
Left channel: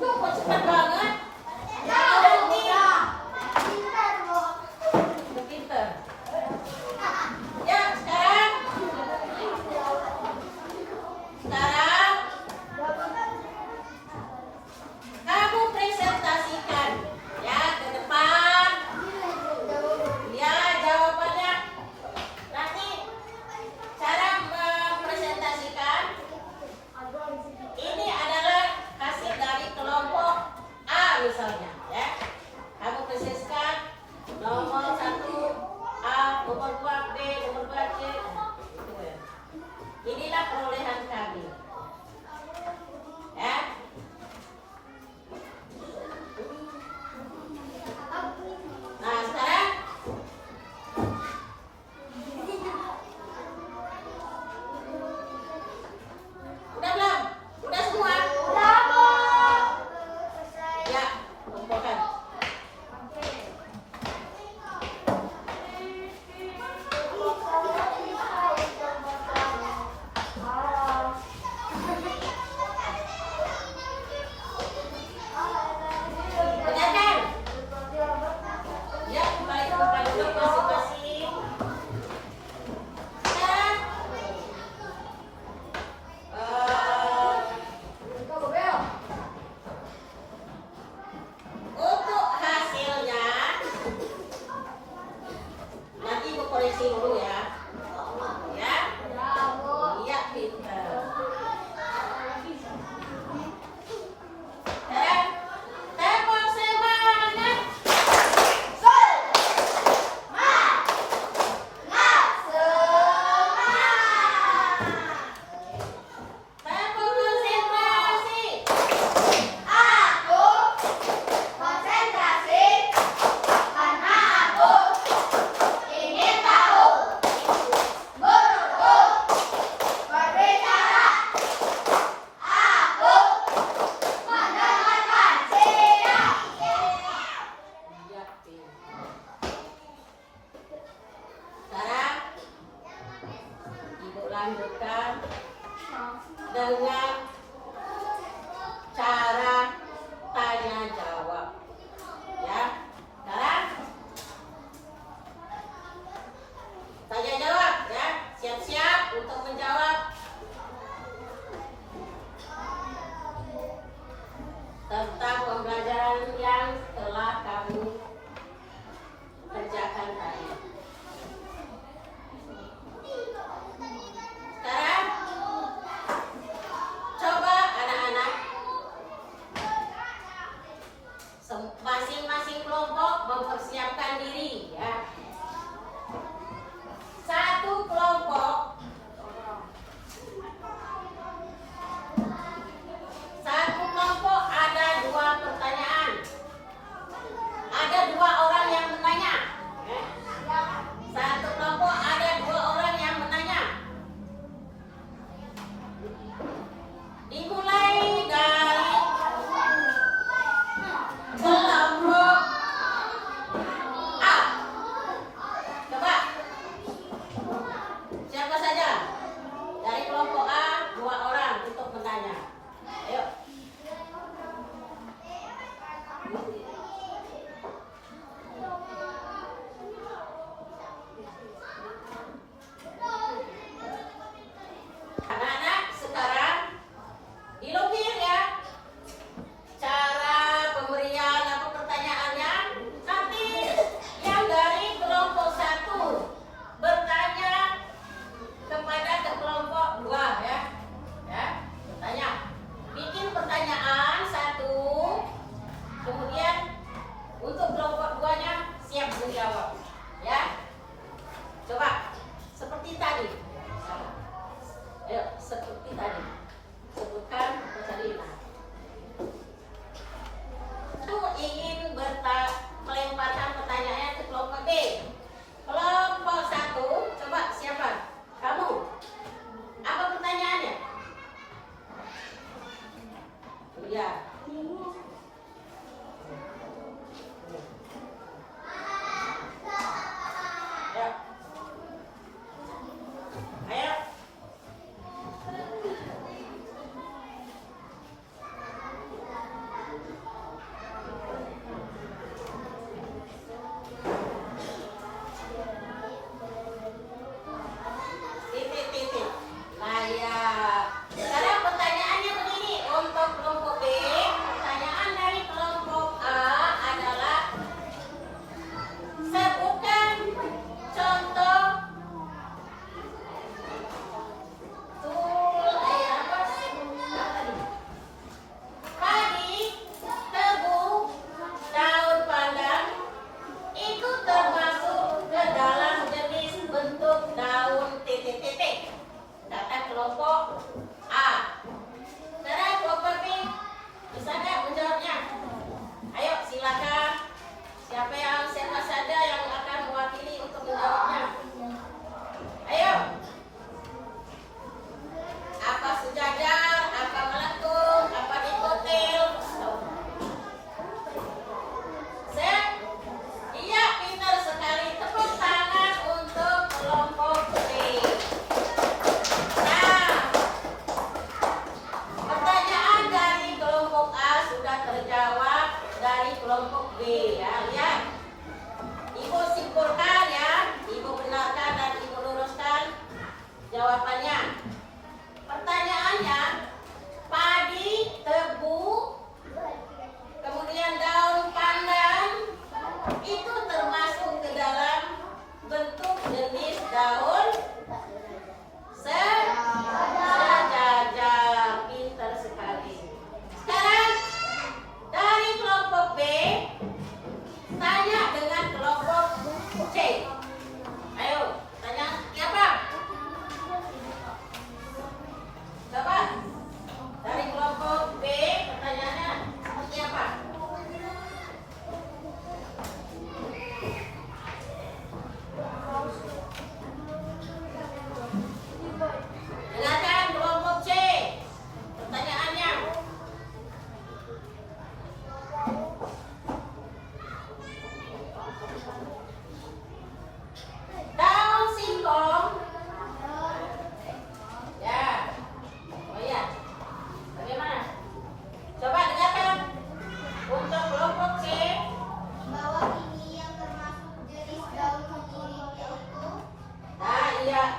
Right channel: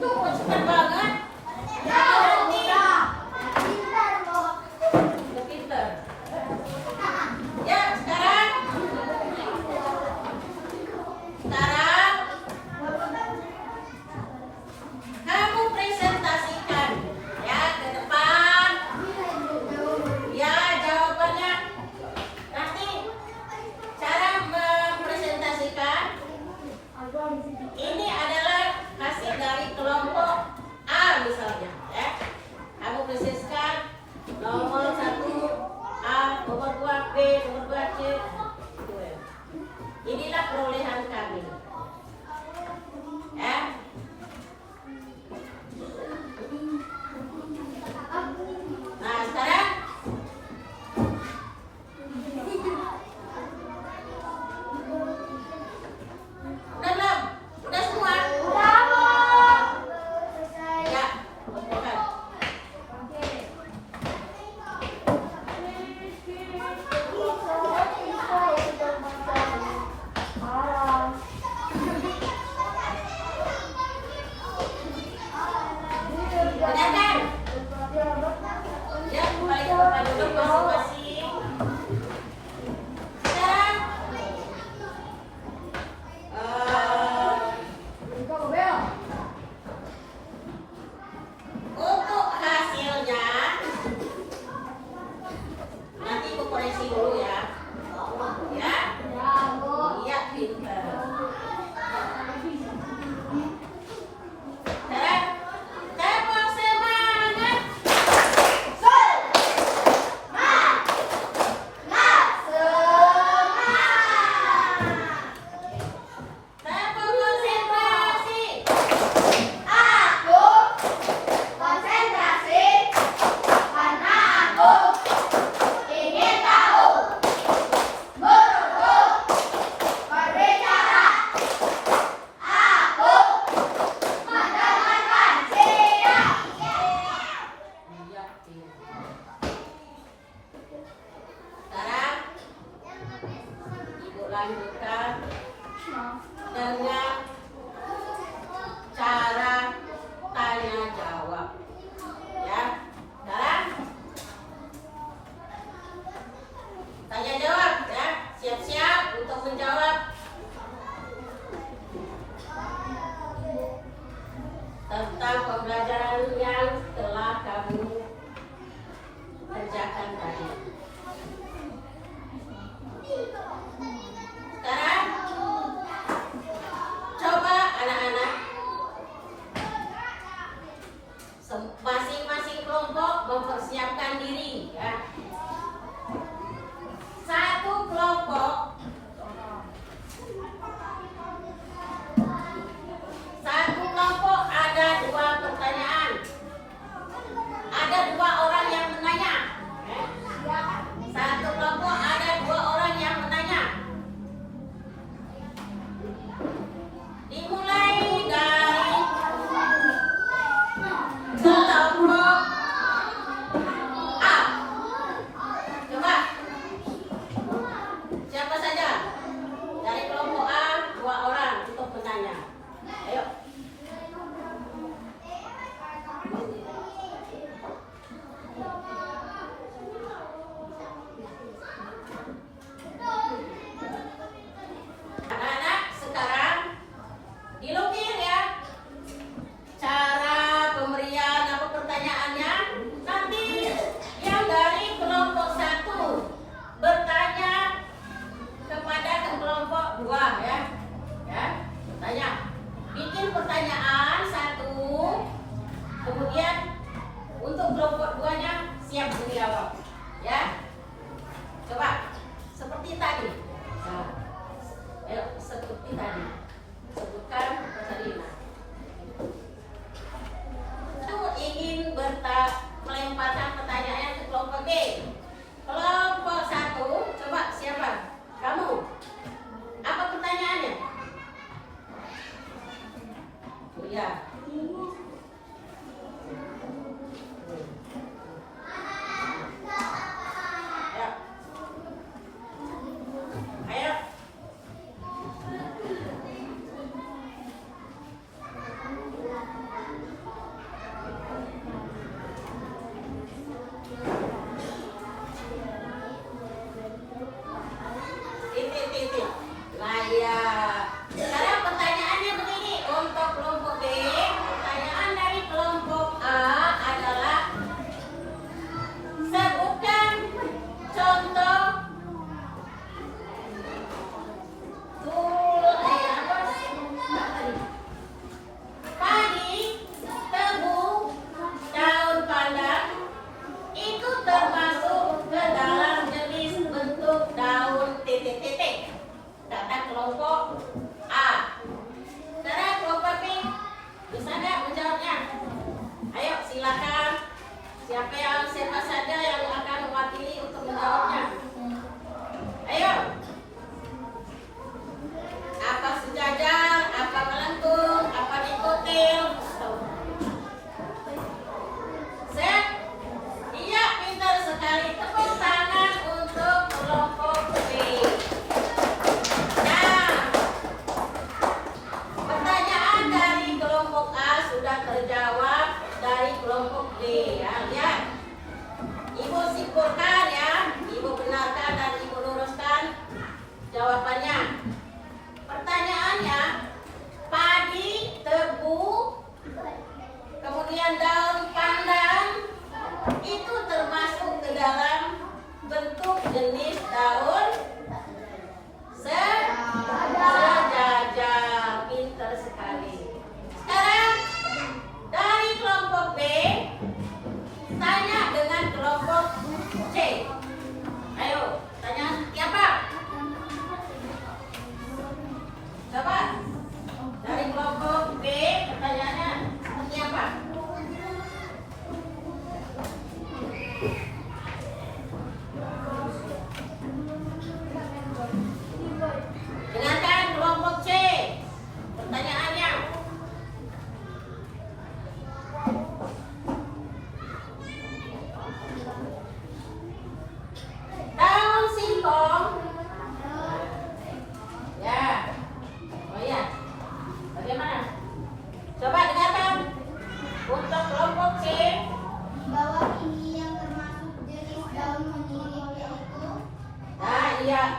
Tuh, kok cepat banget. Pintar. Ya, sekarang kamu presentasikan ya ke depan. Ya, jawabannya nanti cara mempresentasikan ini adalah hasil dari kelompok A misalnya ya. Kamu presentasikan nomor 1 A, nomor 2 B, nomor 2 C. Gitu ya. Inilah perolehan kami. Ya. Nah, sekarang udah belum? Udah semua? Ya. Bukan.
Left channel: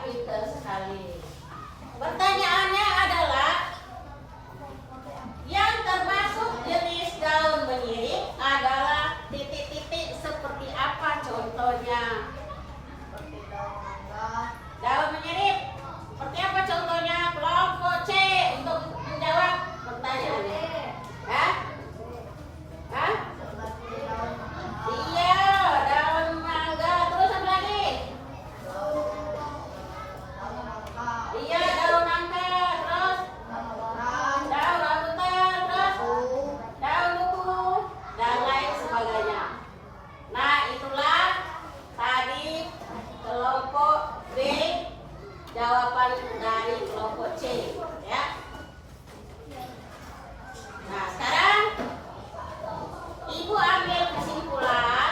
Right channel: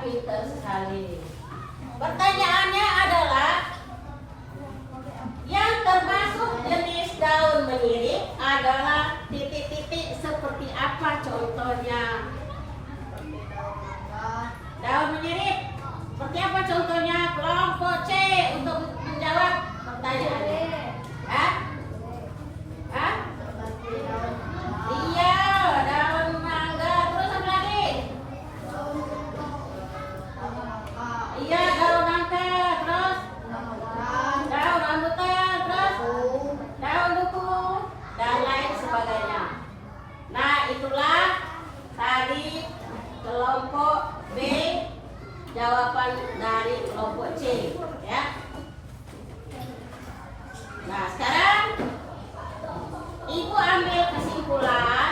pintar sekali. Pertanyaannya adalah yang termasuk jenis daun menyirip adalah titik-titik seperti apa contohnya? Daun menyirip seperti apa contohnya? Kelompok C untuk menjawab pertanyaannya. Hah? Hah? Iya, daun mangga. Terus apa lagi? Iya, daun nangka. Terus daun rambutan. Terus daun duku dan lain sebagainya. Nah, itulah tadi kelompok B, jawaban dari kelompok C, ya. Nah, sekarang Ibu ambil kesimpulan.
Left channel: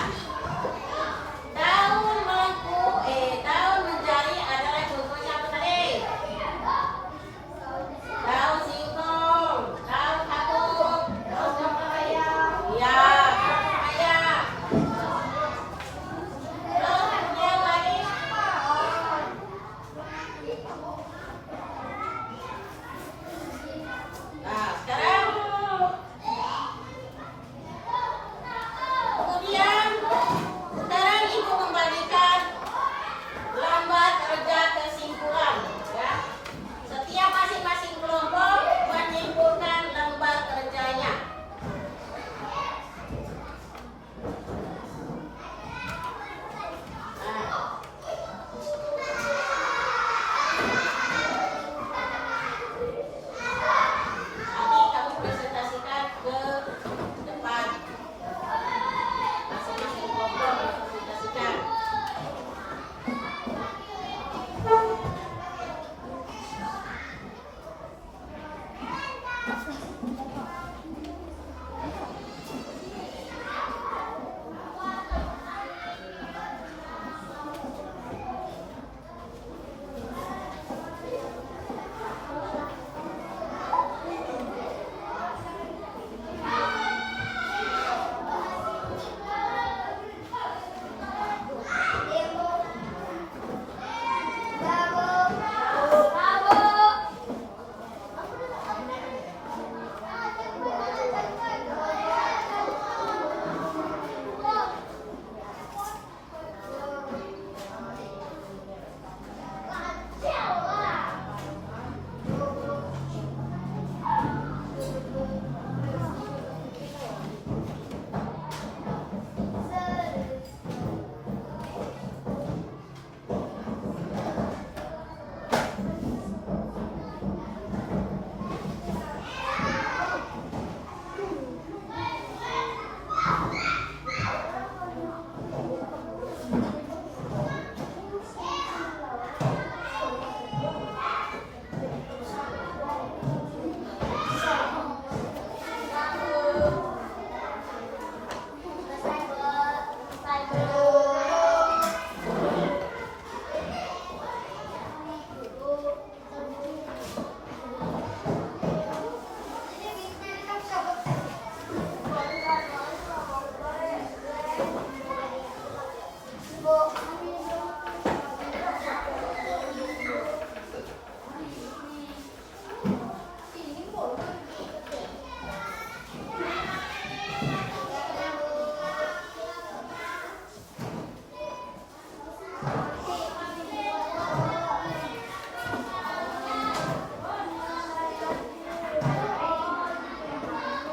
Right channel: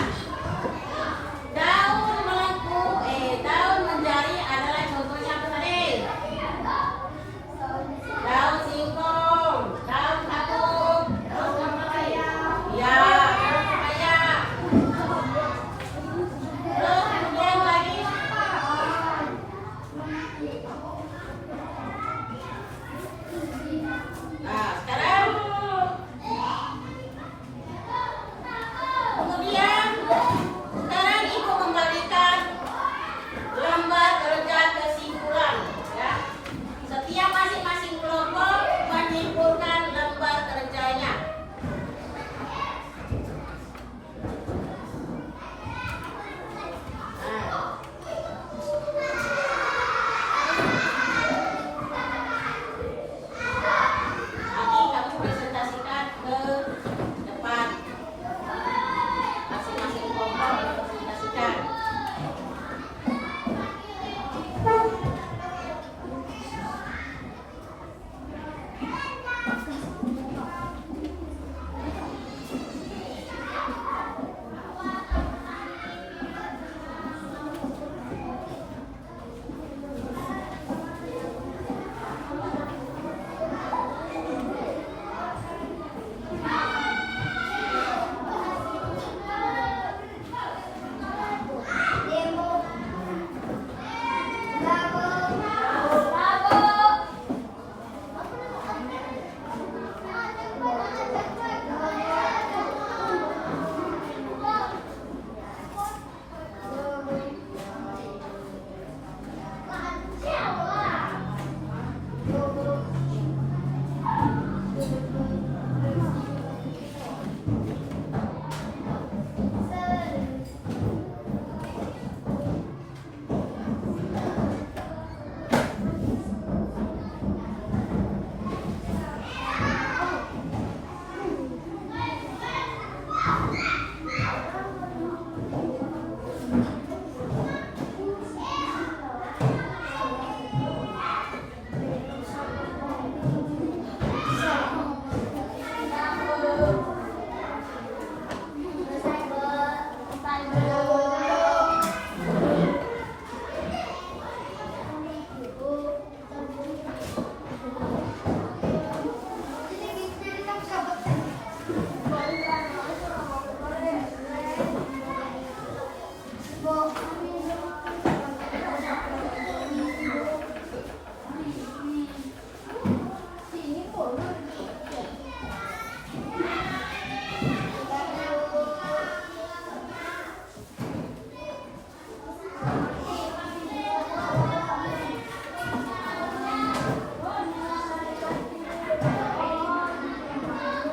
Daun melengkung, daun menjari adalah contohnya apa tadi? Daun singkong, daun kapuk, terus apa lagi? Ya, daun pepaya. Terus kemudian lagi? Nah, sekarang kemudian sekarang Ibu memberikan lembar kerja kesimpulan, ya. Setiap masing-masing kelompok menyimpulkan lembar kerjanya. Nanti kamu presentasikan ke depan. Masing-masing kelompok presentasikan.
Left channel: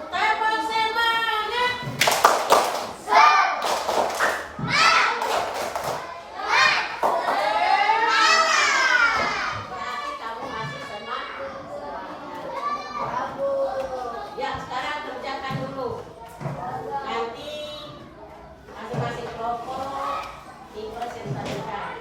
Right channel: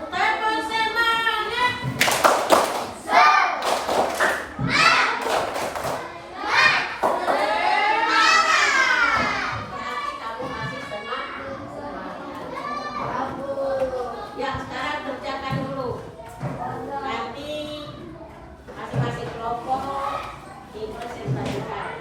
Tepuk semangat. Kamu masih semangat. Ya, sekarang kerjakan dulu. Nanti masing-masing kelompok dipresentasikan.